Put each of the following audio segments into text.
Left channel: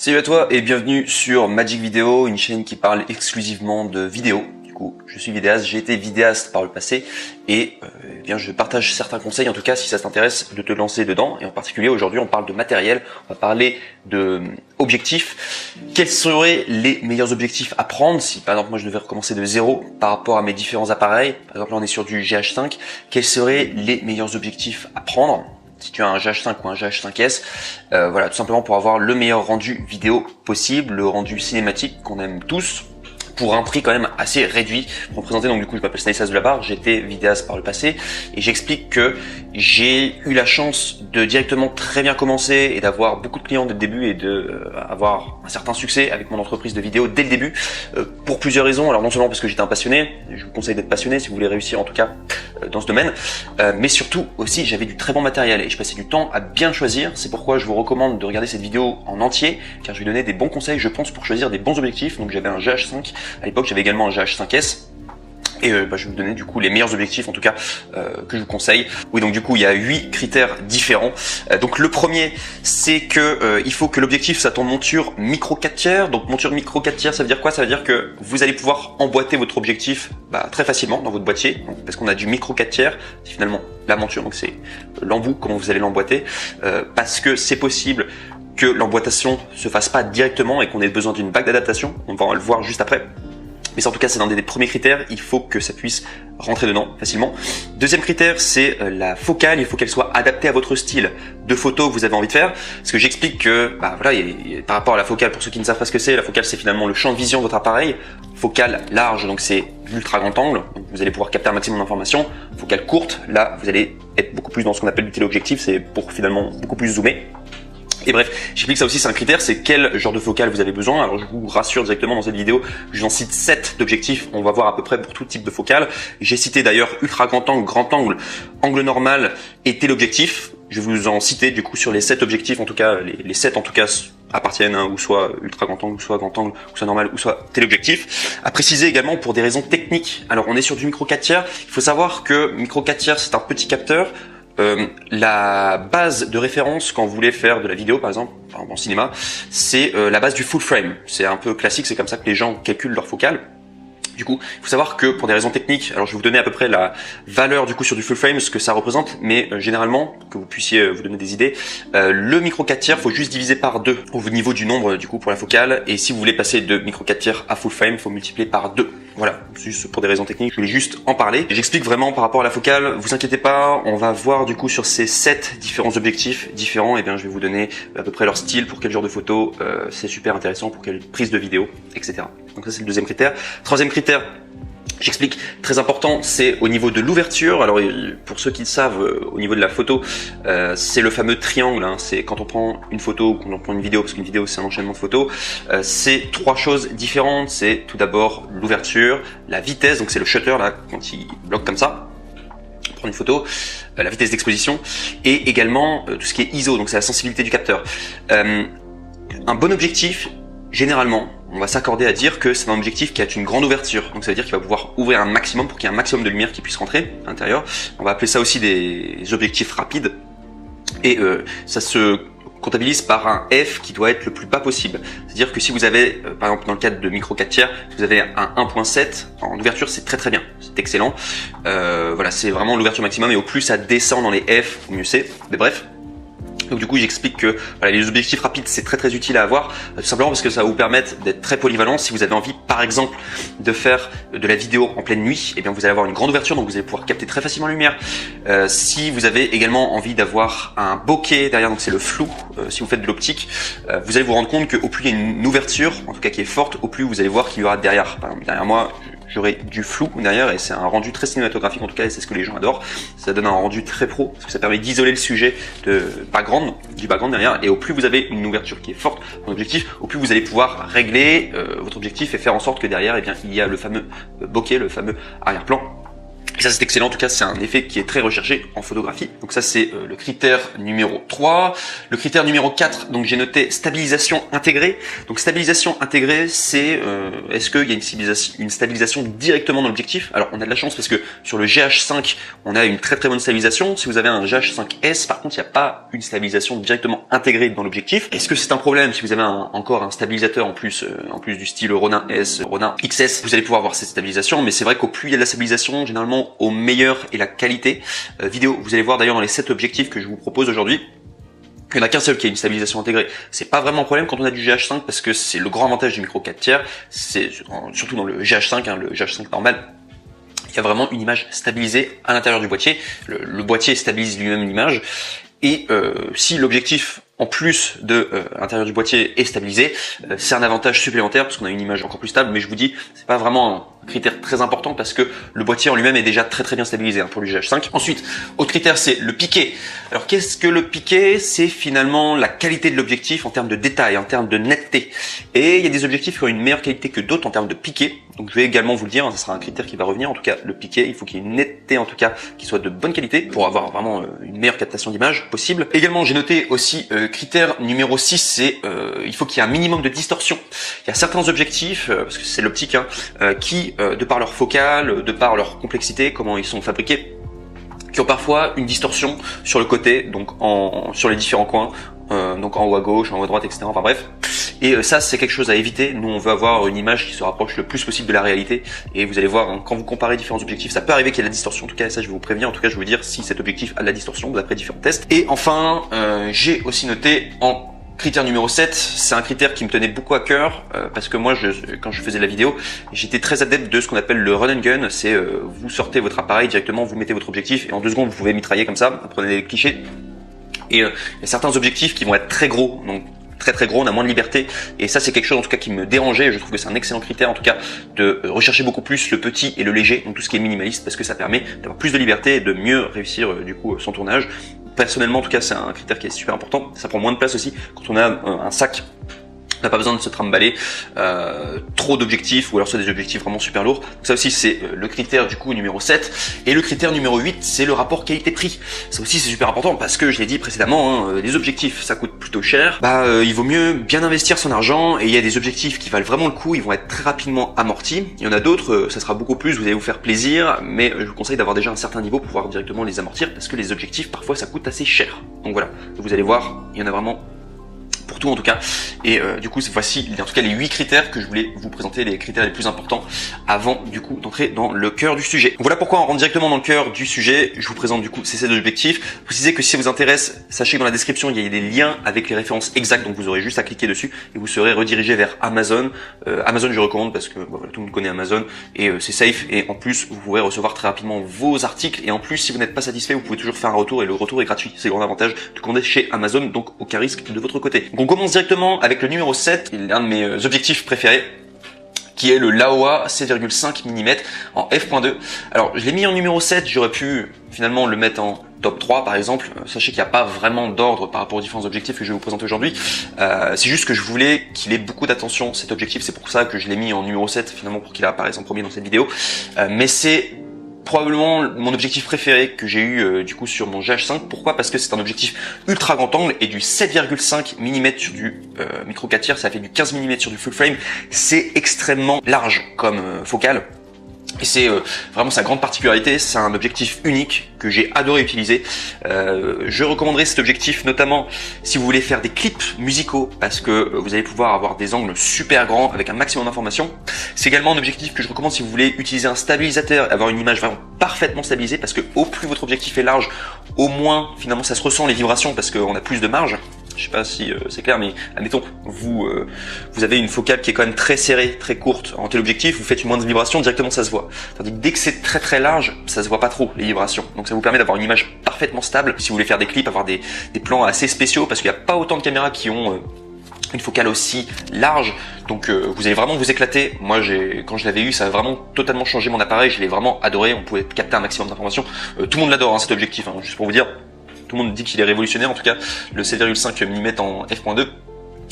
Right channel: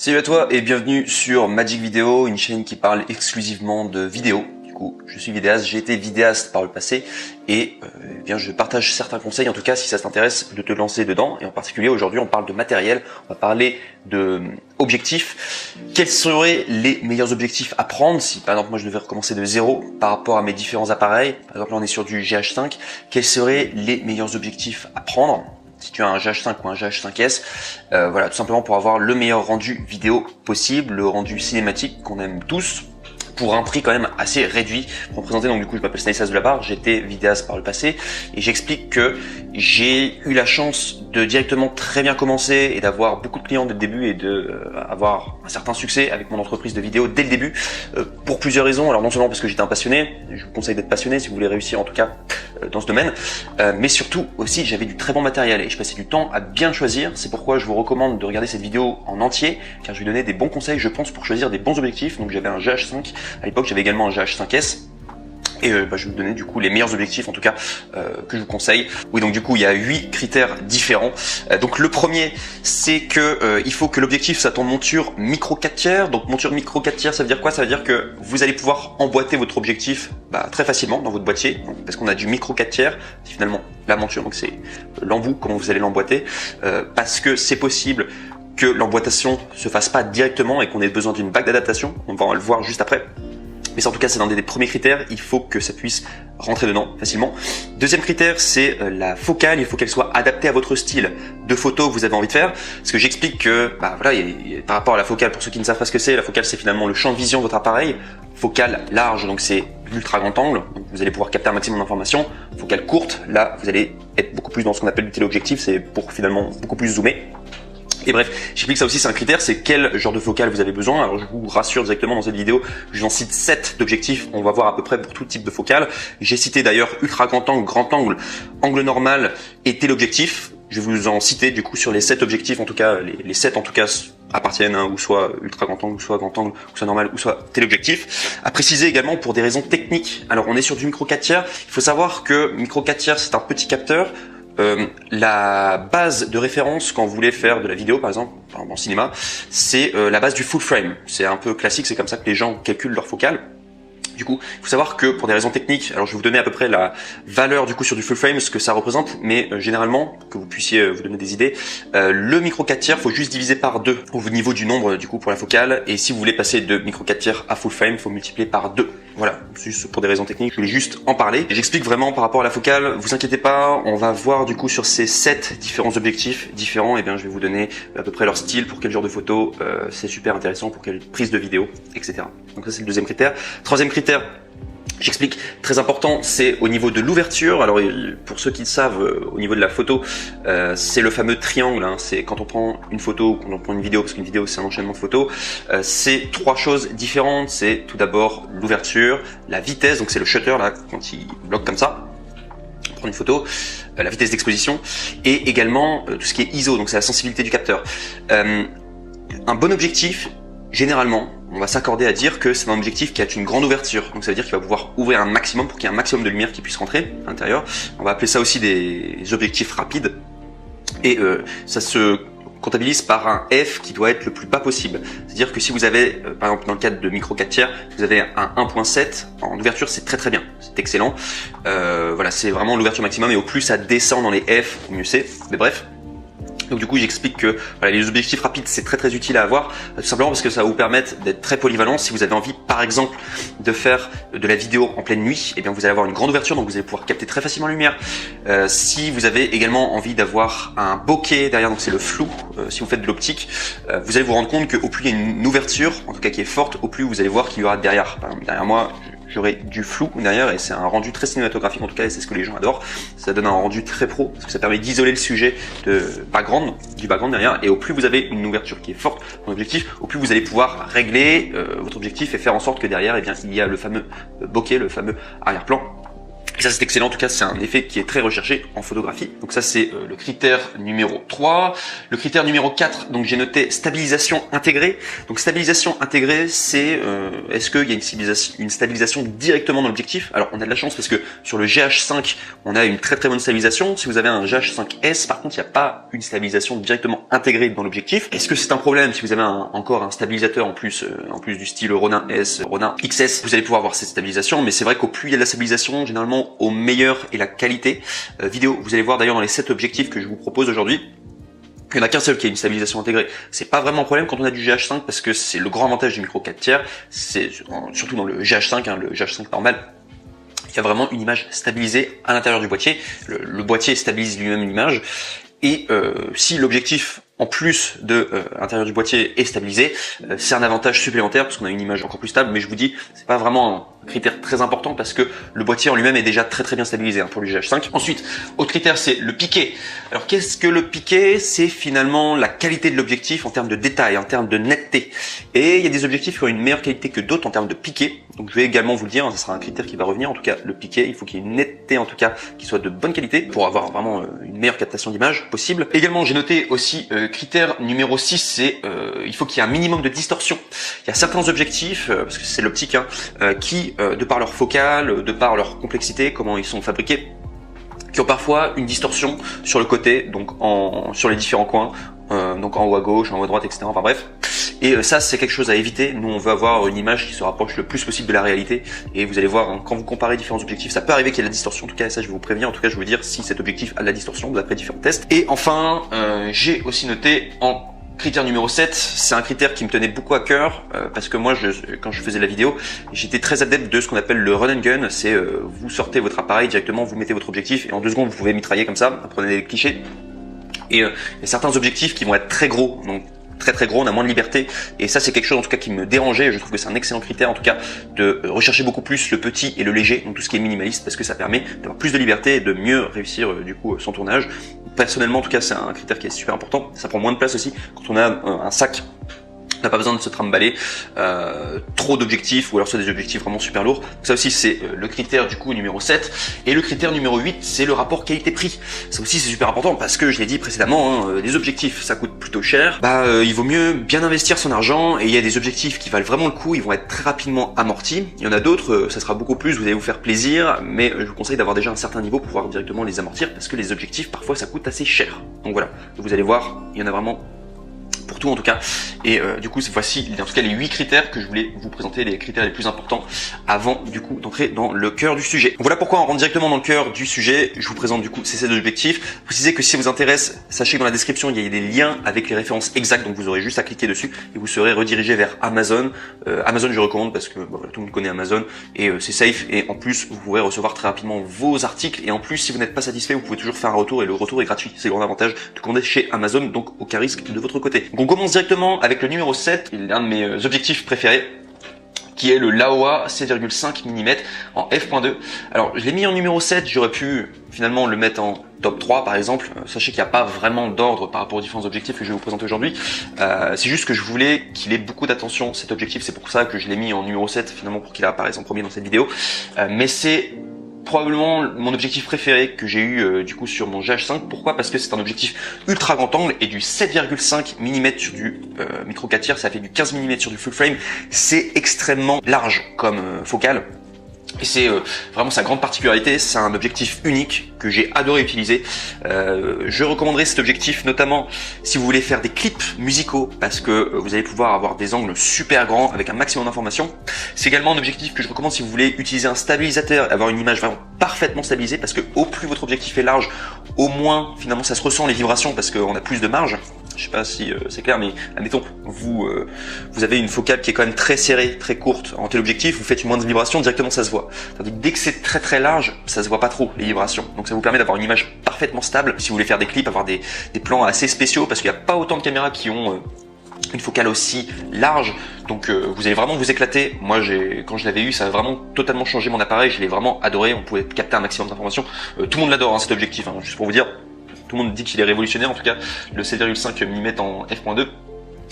Salut à toi et bienvenue sur Magic Video, une chaîne qui parle exclusivement de vidéo. Du coup, je suis vidéaste, j'ai été vidéaste par le passé et eh bien, je partage certains conseils, en tout cas si ça t'intéresse de te lancer dedans. Et en particulier aujourd'hui on parle de matériel, on va parler de objectifs. Quels seraient les meilleurs objectifs à prendre si par exemple moi je devais recommencer de zéro par rapport à mes différents appareils? Par exemple là on est sur du GH5, quels seraient les meilleurs objectifs à prendre si tu as un GH5 ou un GH5S, voilà, tout simplement pour avoir le meilleur rendu vidéo possible, le rendu cinématique qu'on aime tous, pour un prix quand même assez réduit. Pour me présenter, donc du coup je m'appelle Stanislas Dulabarre, j'étais vidéaste par le passé, et j'explique que j'ai eu la chance de directement très bien commencer et d'avoir beaucoup de clients dès le début et de avoir un certain succès avec mon entreprise de vidéo dès le début, pour plusieurs raisons. Alors non seulement parce que j'étais un passionné, je vous conseille d'être passionné si vous voulez réussir en tout cas dans ce domaine, mais surtout aussi j'avais du très bon matériel et je passais du temps à bien choisir. C'est pourquoi je vous recommande de regarder cette vidéo en entier, car je vais donner des bons conseils je pense pour choisir des bons objectifs. Donc j'avais un GH5 à l'époque, j'avais également un GH5S. Et je vais vous donner du coup les meilleurs objectifs en tout cas que je vous conseille. Oui, donc du coup il y a 8 critères différents. Donc le premier, c'est que il faut que l'objectif soit en monture micro 4 tiers. Donc monture micro 4 tiers, ça veut dire quoi? Ça veut dire que vous allez pouvoir emboîter votre objectif très facilement dans votre boîtier, parce qu'on a du micro 4 tiers, qui finalement la monture, donc c'est l'embout, comment vous allez l'emboîter, parce que c'est possible que l'emboîtation se fasse pas directement et qu'on ait besoin d'une bague d'adaptation. On va le voir juste après. Mais en tout cas, c'est l'un des premiers critères. Il faut que ça puisse rentrer dedans facilement. Deuxième critère, c'est la focale. Il faut qu'elle soit adaptée à votre style de photo que vous avez envie de faire. Parce que j'explique que, voilà, par rapport à la focale, pour ceux qui ne savent pas ce que c'est, la focale, c'est finalement le champ de vision de votre appareil. Focale large, donc c'est ultra grand angle. Donc vous allez pouvoir capter un maximum d'informations. Focale courte, là, vous allez être beaucoup plus dans ce qu'on appelle le téléobjectif. C'est pour finalement beaucoup plus zoomer. Et bref, j'explique que ça aussi c'est un critère, c'est quel genre de focale vous avez besoin. Alors je vous rassure directement dans cette vidéo, j'en cite 7 d'objectifs, on va voir à peu près pour tout type de focale. J'ai cité d'ailleurs ultra grand angle, angle normal et téléobjectif. Je vais vous en citer du coup sur les 7 objectifs, en tout cas les 7 en tout cas appartiennent ou soit ultra grand angle, soit grand angle, ou soit normal, ou soit téléobjectif. À préciser également pour des raisons techniques. Alors on est sur du micro 4 tiers, il faut savoir que micro 4 tiers c'est un petit capteur. La base de référence quand vous voulez faire de la vidéo par exemple en cinéma, c'est la base du full frame. C'est un peu classique, c'est comme ça que les gens calculent leur focale. Du coup, il faut savoir que pour des raisons techniques, alors je vais vous donner à peu près la valeur du coup sur du full frame, ce que ça représente, mais généralement, que vous puissiez vous donner des idées, le micro 4 tiers, faut juste diviser par 2 au niveau du nombre du coup pour la focale, et si vous voulez passer de micro 4 tiers à full frame, il faut multiplier par 2. Voilà, juste pour des raisons techniques, je voulais juste en parler. J'explique vraiment par rapport à la focale, vous inquiétez pas, on va voir du coup sur ces 7 différents objectifs différents, et bien je vais vous donner à peu près leur style, pour quel genre de photo, c'est super intéressant, pour quelle prise de vidéo, etc. Donc ça c'est le deuxième critère. Troisième critère, j'explique, très important, c'est au niveau de l'ouverture. Alors pour ceux qui le savent, au niveau de la photo, c'est le fameux triangle, hein. C'est quand on prend une photo ou quand on prend une vidéo, parce qu'une vidéo c'est un enchaînement de photos, c'est 3 choses différentes. C'est tout d'abord l'ouverture, la vitesse, donc c'est le shutter là, quand il bloque comme ça, pour prendre une photo, la vitesse d'exposition, et également tout ce qui est ISO, donc c'est la sensibilité du capteur. Un bon objectif, généralement, on va s'accorder à dire que c'est un objectif qui a une grande ouverture. Donc ça veut dire qu'il va pouvoir ouvrir un maximum pour qu'il y ait un maximum de lumière qui puisse rentrer à l'intérieur. On va appeler ça aussi des objectifs rapides. Et ça se comptabilise par un F qui doit être le plus bas possible. C'est-à-dire que si vous avez, par exemple dans le cadre de micro 4 tiers, vous avez un 1.7, en ouverture c'est très très bien, c'est excellent. Voilà, c'est vraiment l'ouverture maximum, et au plus ça descend dans les F, mieux c'est. Mais bref. Donc du coup j'explique que voilà, les objectifs rapides c'est très très utile à avoir, tout simplement parce que ça va vous permettre d'être très polyvalent. Si vous avez envie par exemple de faire de la vidéo en pleine nuit, et bien vous allez avoir une grande ouverture, donc vous allez pouvoir capter très facilement la lumière. Si vous avez également envie d'avoir un bokeh derrière, donc c'est le flou, si vous faites de l'optique, vous allez vous rendre compte qu'au plus il y a une ouverture, en tout cas qui est forte, au plus vous allez voir qu'il y aura derrière. Par exemple, derrière moi, j'aurai du flou derrière, et c'est un rendu très cinématographique en tout cas, et c'est ce que les gens adorent. Ça donne un rendu très pro, parce que ça permet d'isoler le sujet du background derrière, et au plus vous avez une ouverture qui est forte, un objectif, au plus vous allez pouvoir régler votre objectif et faire en sorte que derrière, eh bien, il y a le fameux bokeh, le fameux arrière-plan, Et ça c'est excellent, en tout cas c'est un effet qui est très recherché en photographie. Donc ça c'est le critère numéro 3. Le critère numéro 4, donc j'ai noté stabilisation intégrée. Donc stabilisation intégrée, c'est est-ce qu'il y a une stabilisation directement dans l'objectif. Alors on a de la chance parce que sur le GH5 on a une très bonne stabilisation. Si vous avez un GH5S par contre il n'y a pas une stabilisation directement intégrée dans l'objectif. Est-ce que c'est un problème si vous avez encore un stabilisateur en plus du style Ronin S, Ronin XS, vous allez pouvoir avoir cette stabilisation, mais c'est vrai qu'au plus il y a de la stabilisation, généralement au meilleur est la qualité vidéo. Vous allez voir d'ailleurs dans les 7 objectifs que je vous propose aujourd'hui, il n'y en a qu'un seul qui a une stabilisation intégrée. C'est pas vraiment un problème quand on a du GH5 parce que c'est le grand avantage du micro 4/3, c'est surtout dans le GH5, le GH5 normal. Il y a vraiment une image stabilisée à l'intérieur du boîtier. Le boîtier stabilise lui-même l'image. Et si l'objectif en plus de l'intérieur du boîtier est stabilisé, c'est un avantage supplémentaire parce qu'on a une image encore plus stable. Mais je vous dis, c'est pas vraiment un critère très important parce que le boîtier en lui-même est déjà très bien stabilisé pour le GH5. Ensuite, autre critère, c'est le piqué. Alors qu'est-ce que le piqué? C'est finalement la qualité de l'objectif en termes de détail, en termes de netteté. Et il y a des objectifs qui ont une meilleure qualité que d'autres en termes de piqué. Donc je vais également vous le dire, ce sera un critère qui va revenir. En tout cas, le piqué, il faut qu'il y ait une netteté en tout cas qui soit de bonne qualité pour avoir vraiment une meilleure captation d'image possible. Également, j'ai noté aussi critère numéro 6, c'est il faut qu'il y ait un minimum de distorsion. Il y a certains objectifs, parce que c'est l'optique, qui, de par leur focale, de par leur complexité, comment ils sont fabriqués, qui ont parfois une distorsion sur le côté, donc sur les différents coins, donc en haut à gauche, en haut à droite, etc. Enfin bref. Et ça, c'est quelque chose à éviter. Nous, on veut avoir une image qui se rapproche le plus possible de la réalité. Et vous allez voir, quand vous comparez différents objectifs, ça peut arriver qu'il y ait de la distorsion. En tout cas, ça, je vais vous prévenir. En tout cas, je vais vous dire si cet objectif a de la distorsion d'après différents tests. Et enfin, j'ai aussi noté en critère numéro 7, c'est un critère qui me tenait beaucoup à cœur parce que moi, quand je faisais la vidéo, j'étais très adepte de ce qu'on appelle le run and gun. C'est vous sortez votre appareil directement, vous mettez votre objectif et en 2 secondes, vous pouvez mitrailler comme ça. Prenez les clichés. Et il y a certains objectifs qui vont être très gros, donc très gros, on a moins de liberté, et ça c'est quelque chose en tout cas qui me dérangeait. Je trouve que c'est un excellent critère en tout cas de rechercher beaucoup plus le petit et le léger, donc tout ce qui est minimaliste, parce que ça permet d'avoir plus de liberté et de mieux réussir du coup son tournage. Personnellement en tout cas c'est un critère qui est super important, ça prend moins de place aussi quand on a un sac. On n'a pas besoin de se trimballer trop d'objectifs, ou alors c'est des objectifs vraiment super lourds. Donc ça aussi c'est le critère du coup numéro 7. Et le critère numéro 8, c'est le rapport qualité-prix. Ça aussi c'est super important parce que je l'ai dit précédemment, les objectifs ça coûte plutôt cher. Il vaut mieux bien investir son argent, et il y a des objectifs qui valent vraiment le coup, ils vont être très rapidement amortis. Il y en a d'autres, ça sera beaucoup plus, vous allez vous faire plaisir, mais je vous conseille d'avoir déjà un certain niveau pour pouvoir directement les amortir parce que les objectifs parfois ça coûte assez cher. Donc voilà, vous allez voir, il y en a vraiment pour tout en tout cas. Et du coup voici en tout cas les 8 critères que je voulais vous présenter, les critères les plus importants avant du coup d'entrer dans le cœur du sujet. Donc voilà pourquoi on rentre directement dans le cœur du sujet. Je vous présente du coup ces 7 objectifs. Précisez que si ça vous intéresse, sachez que dans la description il y a des liens avec les références exactes, donc vous aurez juste à cliquer dessus et vous serez redirigé vers Amazon. Amazon je recommande parce que voilà, tout le monde connaît Amazon et c'est safe, et en plus vous pourrez recevoir très rapidement vos articles, et en plus si vous n'êtes pas satisfait vous pouvez toujours faire un retour et le retour est gratuit. C'est le grand avantage de commander chez Amazon, donc aucun risque de votre côté. Donc on commence directement avec le numéro 7, l'un de mes objectifs préférés, qui est le Laowa 7,5 mm en f.2. Alors je l'ai mis en numéro 7, j'aurais pu finalement le mettre en top 3 par exemple. Sachez qu'il n'y a pas vraiment d'ordre par rapport aux différents objectifs que je vais vous présenter aujourd'hui. C'est juste que je voulais qu'il ait beaucoup d'attention cet objectif, c'est pour ça que je l'ai mis en numéro 7 finalement, pour qu'il apparaisse en premier dans cette vidéo. Mais c'est probablement mon objectif préféré que j'ai eu du coup sur mon GH5. Pourquoi? Parce que c'est un objectif ultra grand angle et du 7,5 mm sur du micro 4/3, ça fait du 15 mm sur du full frame. C'est extrêmement large comme focale. Et c'est vraiment sa grande particularité, c'est un objectif unique que j'ai adoré utiliser. Je recommanderais cet objectif notamment si vous voulez faire des clips musicaux, parce que vous allez pouvoir avoir des angles super grands avec un maximum d'informations. C'est également un objectif que je recommande si vous voulez utiliser un stabilisateur, avoir une image vraiment parfaitement stabilisée, parce que au plus votre objectif est large, au moins finalement ça se ressent les vibrations, parce qu'on a plus de marge. Je sais pas si c'est clair, mais admettons, vous avez une focale qui est quand même très serrée, très courte en téléobjectif, vous faites une moindre vibration, directement ça se voit. Dès que c'est très large, ça se voit pas trop les vibrations. Donc ça vous permet d'avoir une image parfaitement stable. Si vous voulez faire des clips, avoir des plans assez spéciaux, parce qu'il n'y a pas autant de caméras qui ont une focale aussi large, donc vous allez vraiment vous éclater. Moi quand je l'avais eu, ça a vraiment totalement changé mon appareil, je l'ai vraiment adoré, vous pouvez capter un maximum d'informations. Tout le monde l'adore cet objectif, juste pour vous dire. Tout le monde dit qu'il est révolutionnaire, en tout cas le 7,5 mm en f.2.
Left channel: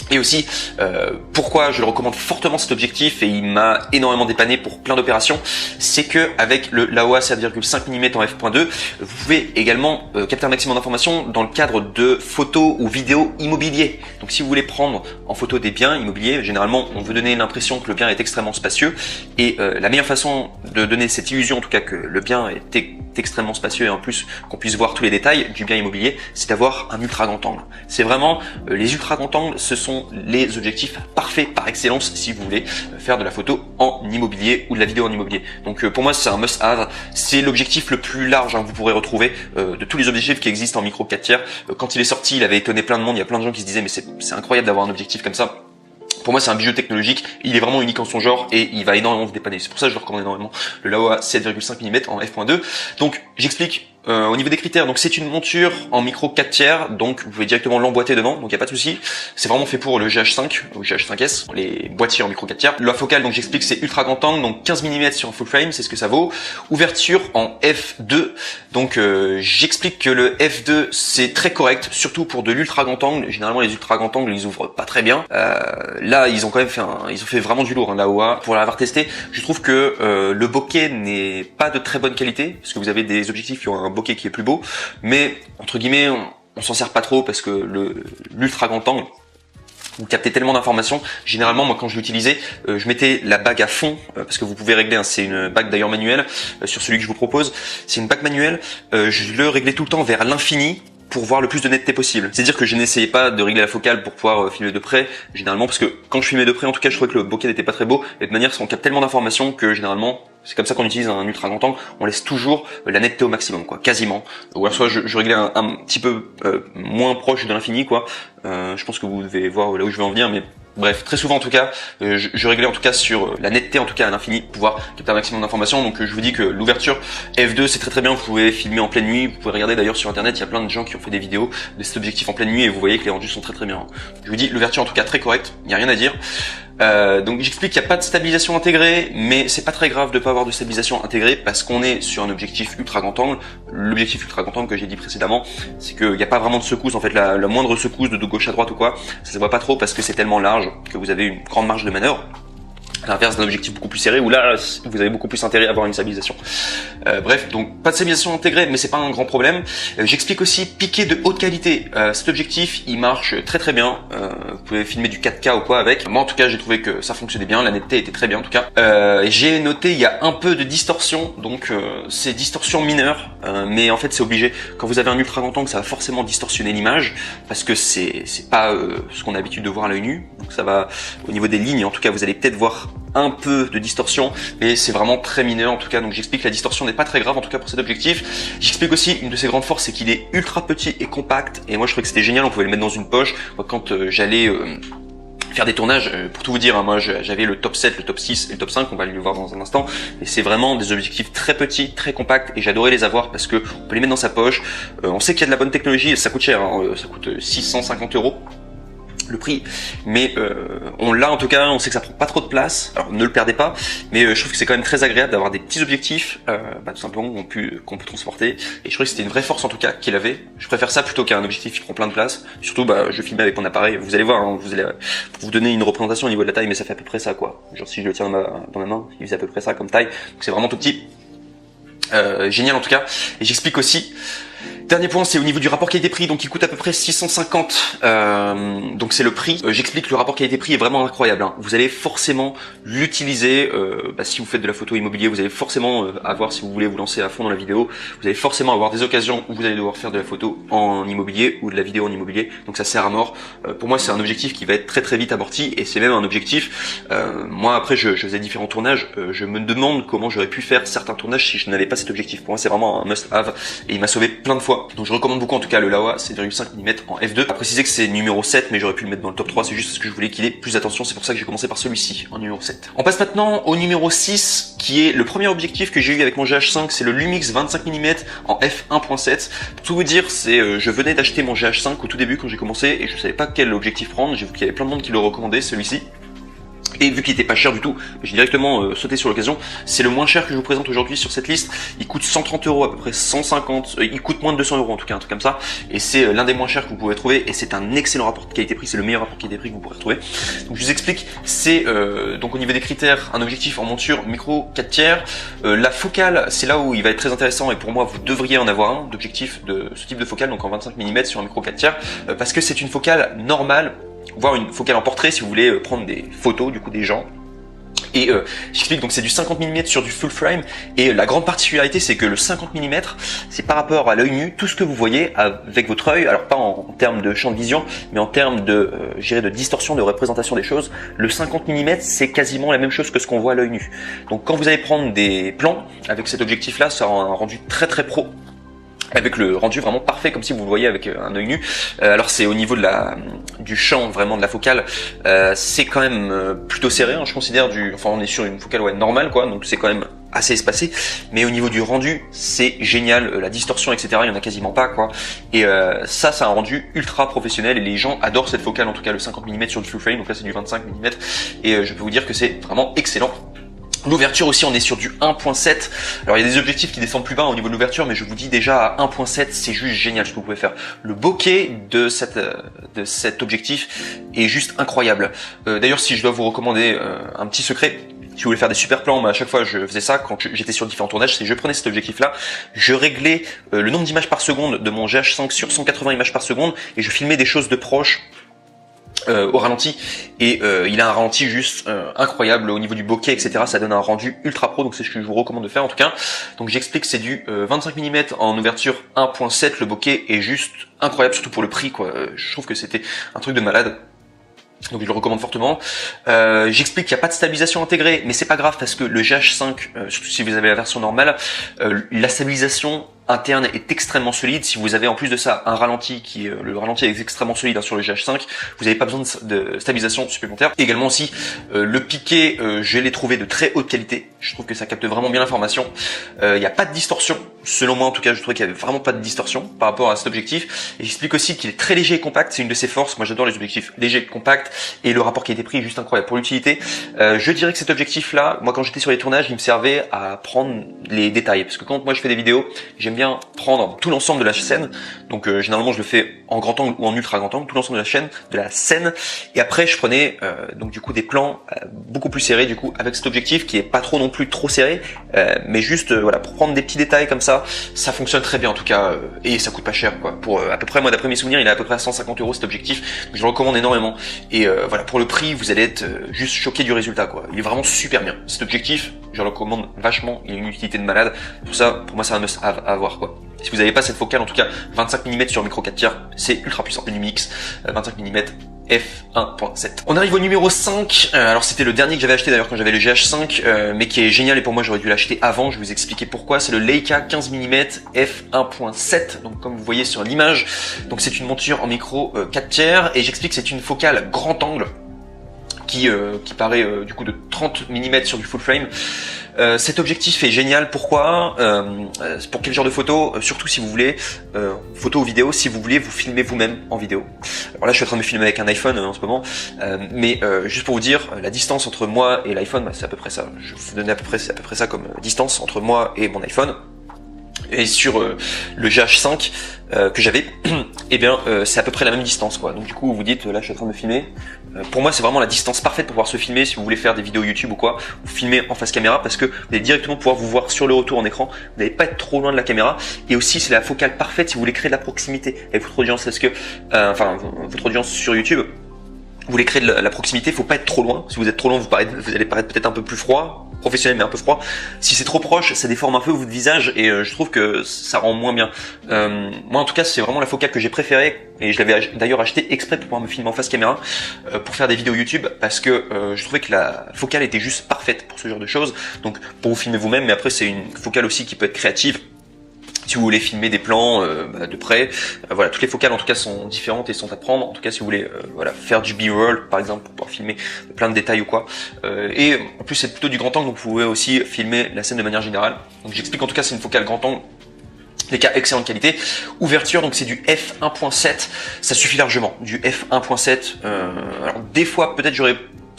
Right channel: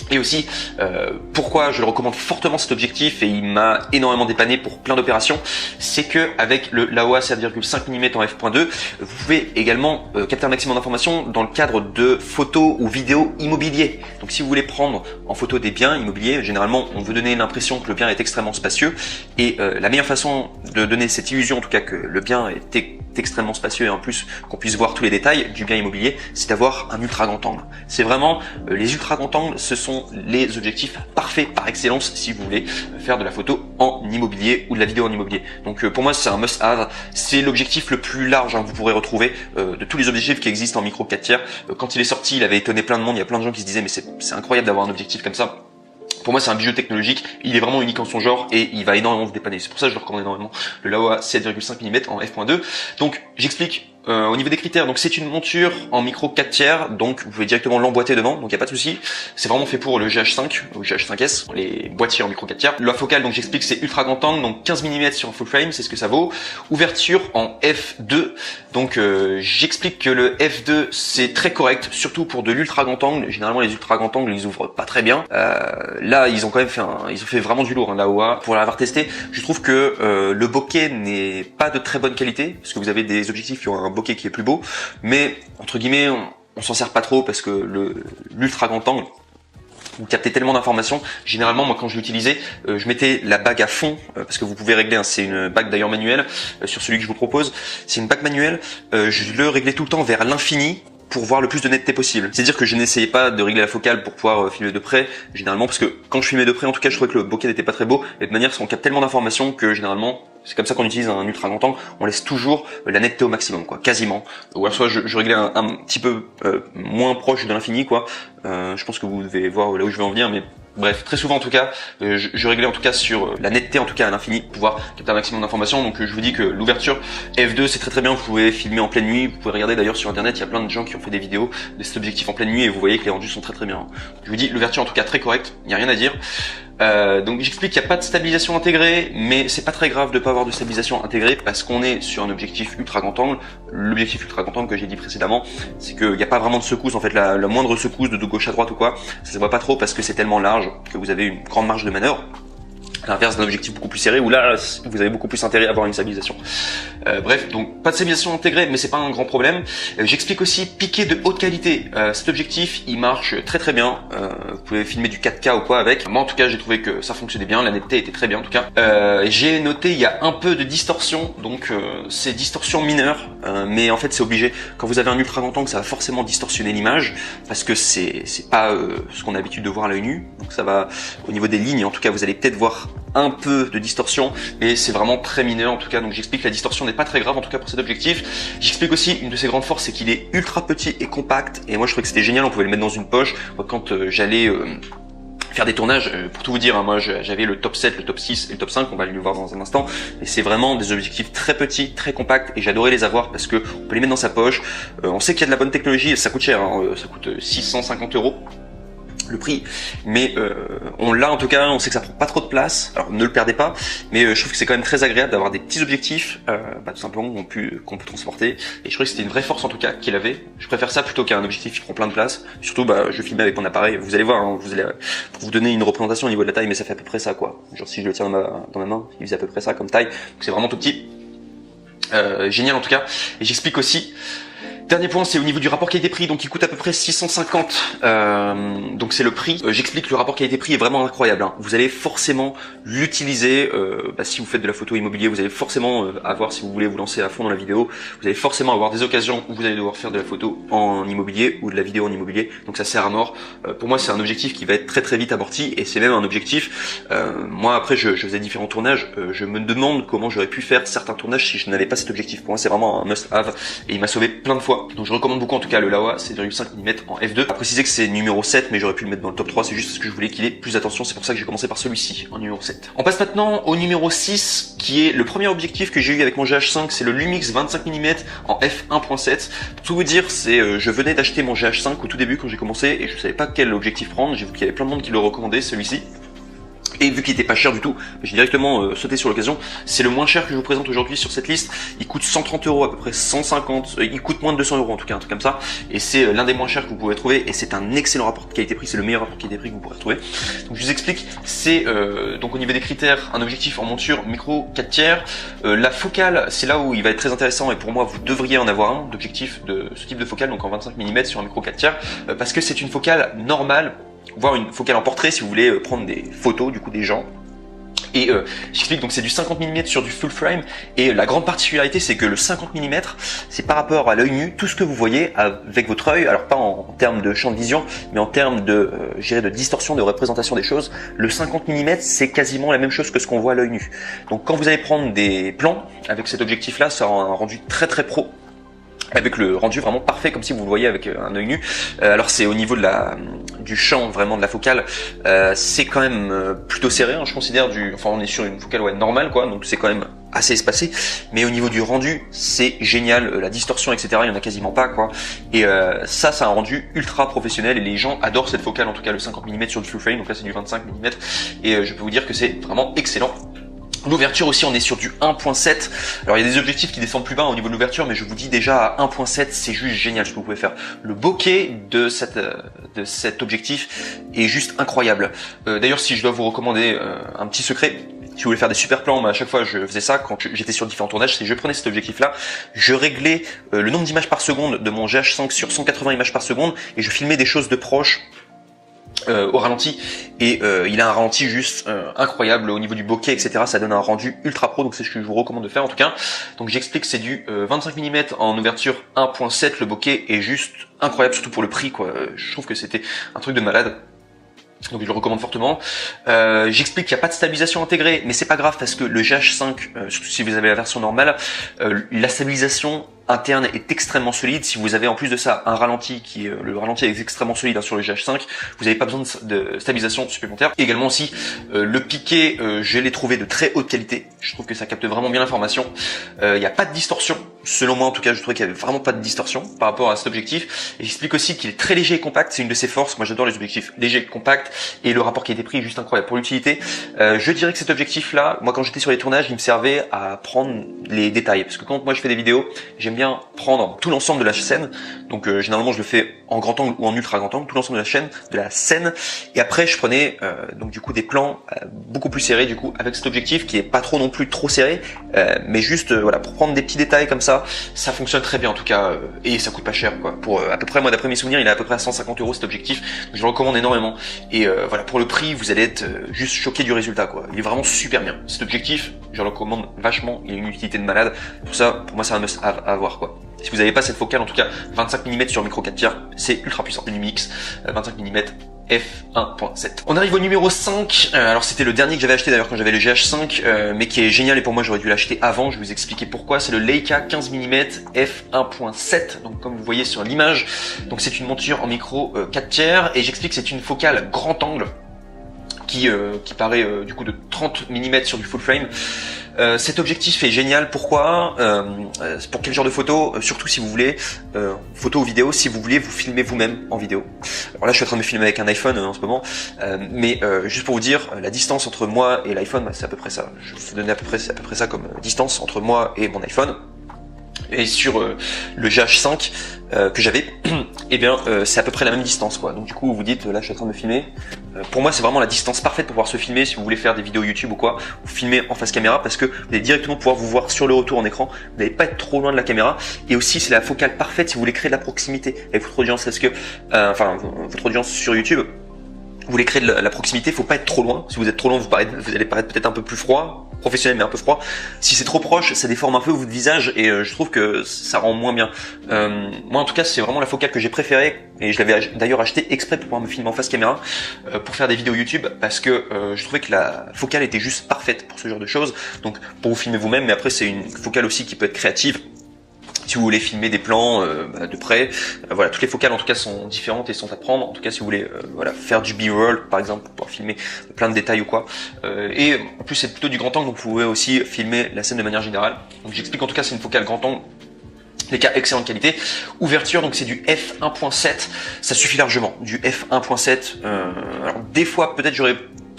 Et aussi, pourquoi je le recommande fortement cet objectif, et il m'a énormément dépanné pour plein d'opérations, c'est que avec le Laowa 7,5 mm en f.2, vous pouvez également capter un maximum d'informations dans le cadre de photos ou vidéos immobiliers. Donc si vous voulez prendre en photo des biens immobiliers, généralement on veut donner l'impression que le bien est extrêmement spacieux, et la meilleure façon de donner cette illusion, en tout cas que le bien est extrêmement spacieux et en plus qu'on puisse voir tous les détails du bien immobilier, c'est d'avoir un ultra grand angle. C'est vraiment les ultra grands angles, ce sont les objectifs parfaits par excellence si vous voulez faire de la photo en immobilier ou de la vidéo en immobilier. Donc pour moi c'est un must-have, c'est l'objectif le plus large que vous pourrez retrouver de tous les objectifs qui existent en micro 4 tiers. Quand il est sorti, il avait étonné plein de monde, il y a plein de gens qui se disaient mais c'est incroyable d'avoir un objectif comme ça. Pour moi, c'est un bijou technologique, il est vraiment unique en son genre et il va énormément vous dépanner. C'est pour ça que je le recommande énormément. Le Laowa 7,5 mm en f.2. Donc, j'explique au niveau des critères. Donc, c'est une monture en micro 4 tiers, donc vous pouvez directement l'emboîter dedans, donc il n'y a pas de souci. C'est vraiment fait pour le GH5 ou GH5S, les boîtiers en micro 4 tiers. La focale, donc j'explique, c'est ultra grand angle, donc 15 mm sur full frame, c'est ce que ça vaut. Ouverture en f2, donc j'explique que le f2 c'est très correct, surtout pour de l'ultra grand angle. Généralement, les ultra grand angles, ils ouvrent pas très bien. Là, ils ont quand même fait ils ont fait vraiment du lourd, hein, Laowa. Pour l'avoir testé, je trouve que le bokeh n'est pas de très bonne qualité, parce que vous avez des objectifs qui ont un bokeh qui est plus beau, mais entre guillemets, on s'en sert pas trop parce que l'ultra grand angle, vous captez tellement d'informations. Généralement, moi, quand je l'utilisais, je mettais la bague à fond, parce que vous pouvez régler, hein, c'est une bague d'ailleurs manuelle, sur celui que je vous propose, c'est une bague manuelle, je le réglais tout le temps vers l'infini, pour voir le plus de netteté possible. C'est-à-dire que je n'essayais pas de régler la focale pour pouvoir filmer de près, généralement, parce que quand je filmais de près, en tout cas, je trouvais que le bokeh n'était pas très beau, et de manière, on capte tellement d'informations que généralement, c'est comme ça qu'on utilise un ultra grand angle, on laisse toujours la netteté au maximum, quoi, quasiment. Donc là, soit je réglais un petit peu moins proche de l'infini, quoi. Je pense que vous devez voir là où je vais en venir, mais bref, très souvent en tout cas, je réglais en tout cas sur la netteté en tout cas à l'infini pour pouvoir capter un maximum d'informations. Donc je vous dis que l'ouverture f2 c'est très bien, vous pouvez filmer en pleine nuit, vous pouvez regarder d'ailleurs sur internet, il y a plein de gens qui ont fait des vidéos de cet objectif en pleine nuit et vous voyez que les rendus sont très bien. Je vous dis l'ouverture en tout cas très correcte, il n'y a rien à dire. Donc j'explique qu'il n'y a pas de stabilisation intégrée, mais c'est pas très grave de pas avoir de stabilisation intégrée parce qu'on est sur un objectif ultra grand angle. L'objectif ultra grand angle que j'ai dit précédemment, c'est qu'il n'y a pas vraiment de secousse, en fait la moindre secousse de gauche à droite ou quoi, ça se voit pas trop parce que c'est tellement large que vous avez une grande marge de manœuvre. À l'inverse d'un objectif beaucoup plus serré où là vous avez beaucoup plus intérêt à avoir une stabilisation. Bref, donc pas de stabilisation intégrée, mais c'est pas un grand problème. J'explique aussi piqué de haute qualité. Cet objectif il marche très bien. Vous pouvez filmer du 4K ou quoi avec. Moi en tout cas j'ai trouvé que ça fonctionnait bien, la netteté était très bien en tout cas. J'ai noté il y a un peu de distorsion, donc c'est distorsion mineure, mais en fait c'est obligé. Quand vous avez un ultra grand angle, ça va forcément distorsionner l'image parce que c'est pas ce qu'on a l'habitude de voir à l'œil nu. Donc ça va au niveau des lignes, en tout cas vous allez peut-être voir un peu de distorsion, mais c'est vraiment très mineur en tout cas. Donc j'explique que la distorsion n'est pas très grave en tout cas pour cet objectif. J'explique aussi une de ses grandes forces, c'est qu'il est ultra petit et compact, et moi je trouvais que c'était génial, on pouvait le mettre dans une poche. Quand j'allais faire des tournages, pour tout vous dire, hein, moi j'avais le top 7, le top 6 et le top 5, on va le voir dans un instant, et c'est vraiment des objectifs très petits, très compacts, et j'adorais les avoir parce que on peut les mettre dans sa poche. On sait qu'il y a de la bonne technologie, et ça coûte cher, hein, ça coûte 650 € le prix, mais on l'a en tout cas, on sait que ça prend pas trop de place, alors ne le perdez pas, mais je trouve que c'est quand même très agréable d'avoir des petits objectifs tout simplement qu'on peut transporter, et je trouvais que c'était une vraie force en tout cas qu'il avait. Je préfère ça plutôt qu'un objectif qui prend plein de place, surtout je filmais avec mon appareil, vous allez voir, hein, vous allez vous donner une représentation au niveau de la taille, mais ça fait à peu près ça quoi, genre si je le tiens dans ma main, il fait à peu près ça comme taille, c'est vraiment tout petit. Génial en tout cas, et j'explique aussi. Dernier point, c'est au niveau du rapport qualité-prix, donc il coûte à peu près 650, donc c'est le prix. J'explique que le rapport qualité-prix est vraiment incroyable, hein. Vous allez forcément l'utiliser, si vous faites de la photo immobilier, vous allez forcément avoir, si vous voulez vous lancer à fond dans la vidéo, vous allez forcément avoir des occasions où vous allez devoir faire de la photo en immobilier ou de la vidéo en immobilier, donc ça sert à mort. Pour moi c'est un objectif qui va être très vite amorti, et c'est même un objectif, moi après je faisais différents tournages, je me demande comment j'aurais pu faire certains tournages si je n'avais pas cet objectif. Pour moi c'est vraiment un must-have, et il m'a sauvé plein de fois. Donc je recommande beaucoup en tout cas le Laowa 7,5 mm en f2. À préciser que c'est numéro 7, mais j'aurais pu le mettre dans le top 3, c'est juste parce que je voulais qu'il ait plus d'attention, c'est pour ça que j'ai commencé par celui-ci, en numéro 7. On passe maintenant au numéro 6, qui est le premier objectif que j'ai eu avec mon GH5, c'est le Lumix 25 mm en f1.7. Pour tout vous dire, c'est je venais d'acheter mon GH5 au tout début quand j'ai commencé, et je savais pas quel objectif prendre, j'ai vu qu'il y avait plein de monde qui le recommandait, celui-ci. Et vu qu'il était pas cher du tout, j'ai directement sauté sur l'occasion. C'est le moins cher que je vous présente aujourd'hui sur cette liste. Il coûte 130 euros, à peu près 150. Il coûte moins de 200 euros en tout cas, un truc comme ça. Et c'est l'un des moins chers que vous pouvez trouver. Et c'est un excellent rapport qualité-prix. C'est le meilleur rapport qualité-prix que vous pourrez trouver. Donc je vous explique. C'est donc au niveau des critères, un objectif en monture micro 4 tiers. La focale, c'est là où il va être très intéressant. Et pour moi, vous devriez en avoir un d'objectif de ce type de focale, donc en 25 mm sur un micro 4 tiers, parce que c'est une focale normale. Voire une focale en portrait si vous voulez prendre des photos du coup des gens. Et j'explique, donc c'est du 50 mm sur du full frame, et la grande particularité c'est que le 50 mm c'est par rapport à l'œil nu tout ce que vous voyez avec votre œil, alors pas en termes de champ de vision mais en termes de de distorsion, de représentation des choses. Le 50 mm c'est quasiment la même chose que ce qu'on voit à l'œil nu. Donc quand vous allez prendre des plans avec cet objectif là, c'est un rendu très très pro, avec le rendu vraiment parfait comme si vous le voyez avec un œil nu. Alors c'est au niveau de du champ vraiment de la focale, c'est quand même plutôt serré, je considère enfin on est sur une focale normale quoi, donc c'est quand même assez espacé, mais au niveau du rendu c'est génial, la distorsion etc il y en a quasiment pas quoi, et ça a un rendu ultra professionnel et les gens adorent cette focale, en tout cas le 50 mm sur le full frame, donc là c'est du 25 mm et je peux vous dire que c'est vraiment excellent. L'ouverture aussi, on est sur du 1.7. Alors il y a des objectifs qui descendent plus bas au niveau de l'ouverture, mais je vous dis déjà à 1.7 c'est juste génial ce que vous pouvez faire. Le bokeh de cet objectif est juste incroyable. D'ailleurs si je dois vous recommander un petit secret, si vous voulez faire des super plans, à chaque fois je faisais ça quand j'étais sur différents tournages, c'est que je prenais cet objectif là, je réglais le nombre d'images par seconde de mon GH5 sur 180 images par seconde et je filmais des choses de proche au ralenti, et il a un ralenti juste incroyable au niveau du bokeh etc, ça donne un rendu ultra pro, donc c'est ce que je vous recommande de faire en tout cas. Donc j'explique, c'est du 25 mm en ouverture 1.7, le bokeh est juste incroyable, surtout pour le prix quoi, je trouve que c'était un truc de malade. Donc je le recommande fortement. J'explique qu'il n'y a pas de stabilisation intégrée, mais c'est pas grave parce que le GH5, surtout si vous avez la version normale, la stabilisation interne est extrêmement solide. Si vous avez en plus de ça un ralenti le ralenti est extrêmement solide sur le GH5, vous n'avez pas besoin de stabilisation supplémentaire. Également aussi, le piqué, je l'ai trouvé de très haute qualité. Je trouve que ça capte vraiment bien l'information. Il n'y a pas de distorsion. Selon moi en tout cas, je trouvais qu'il n'y avait vraiment pas de distorsion par rapport à cet objectif. Et j'explique aussi qu'il est très léger et compact, c'est une de ses forces. Moi j'adore les objectifs légers et compacts, et le rapport qualité-prix est juste incroyable pour l'utilité. Je dirais que cet objectif là, moi quand j'étais sur les tournages, il me servait à prendre les détails, parce que quand moi je fais des vidéos, j'aime bien prendre tout l'ensemble de la scène. Donc généralement je le fais en grand angle ou en ultra grand angle, tout l'ensemble de la scène, et après je prenais donc du coup des plans beaucoup plus serrés du coup avec cet objectif qui est pas trop non plus trop serré, mais juste voilà, pour prendre des petits détails comme ça fonctionne très bien en tout cas, et ça coûte pas cher quoi. Pour à peu près, moi d'après mes souvenirs, il est à peu près à 150 euros cet objectif, donc je le recommande énormément, et voilà, pour le prix vous allez être juste choqué du résultat quoi. Il est vraiment super bien cet objectif, je le recommande vachement, il a une utilité de malade, tout ça pour moi c'est un must have à avoir quoi. Si vous n'avez pas cette focale, en tout cas 25 mm sur micro 4 tiers, c'est ultra puissant. Lumix 25 mm f1.7. On arrive au numéro 5, alors c'était le dernier que j'avais acheté d'ailleurs quand j'avais le GH5, mais qui est génial, et pour moi j'aurais dû l'acheter avant, je vais vous expliquer pourquoi. C'est le Leica 15 mm f1.7, donc comme vous voyez sur l'image, donc c'est une monture en micro 4 tiers, et j'explique que c'est une focale grand angle, qui paraît du coup de 30 mm sur du full frame. Cet objectif est génial, pourquoi pour quel genre de photo, surtout si vous voulez, photo ou vidéo, si vous voulez vous filmer vous-même en vidéo. Alors là je suis en train de me filmer avec un iPhone en ce moment, mais juste pour vous dire, la distance entre moi et l'iPhone, c'est à peu près ça. Je vais vous donner à peu près ça comme distance entre moi et mon iPhone. Et sur le GH5 que j'avais, et bien c'est à peu près la même distance quoi. Donc du coup vous dites, là je suis en train de me filmer, pour moi c'est vraiment la distance parfaite pour pouvoir se filmer si vous voulez faire des vidéos YouTube ou quoi, vous filmez en face caméra, parce que vous allez directement pouvoir vous voir sur le retour en écran, vous n'allez pas être trop loin de la caméra, et aussi c'est la focale parfaite si vous voulez créer de la proximité avec votre audience, parce que votre audience sur YouTube, vous voulez créer de la proximité, faut pas être trop loin. Si vous êtes trop loin, vous allez paraître peut-être un peu plus froid, professionnel mais un peu froid. Si c'est trop proche, ça déforme un peu votre visage, et je trouve que ça rend moins bien. Moi en tout cas c'est vraiment la focale que j'ai préférée, et je l'avais d'ailleurs acheté exprès pour pouvoir me filmer en face caméra, pour faire des vidéos YouTube, parce que je trouvais que la focale était juste parfaite pour ce genre de choses. Donc pour vous filmer vous-même, mais après c'est une focale aussi qui peut être créative. Si vous voulez filmer des plans de près, voilà, toutes les focales en tout cas sont différentes et sont à prendre. En tout cas si vous voulez voilà, faire du B-roll par exemple, pour filmer plein de détails ou quoi. Et en plus c'est plutôt du grand angle, donc vous pouvez aussi filmer la scène de manière générale. Donc j'explique, en tout cas c'est une focale grand angle, les cas excellente qualité. Ouverture, donc c'est du f1.7, ça suffit largement. Du f1.7, alors des fois peut-être j'aurais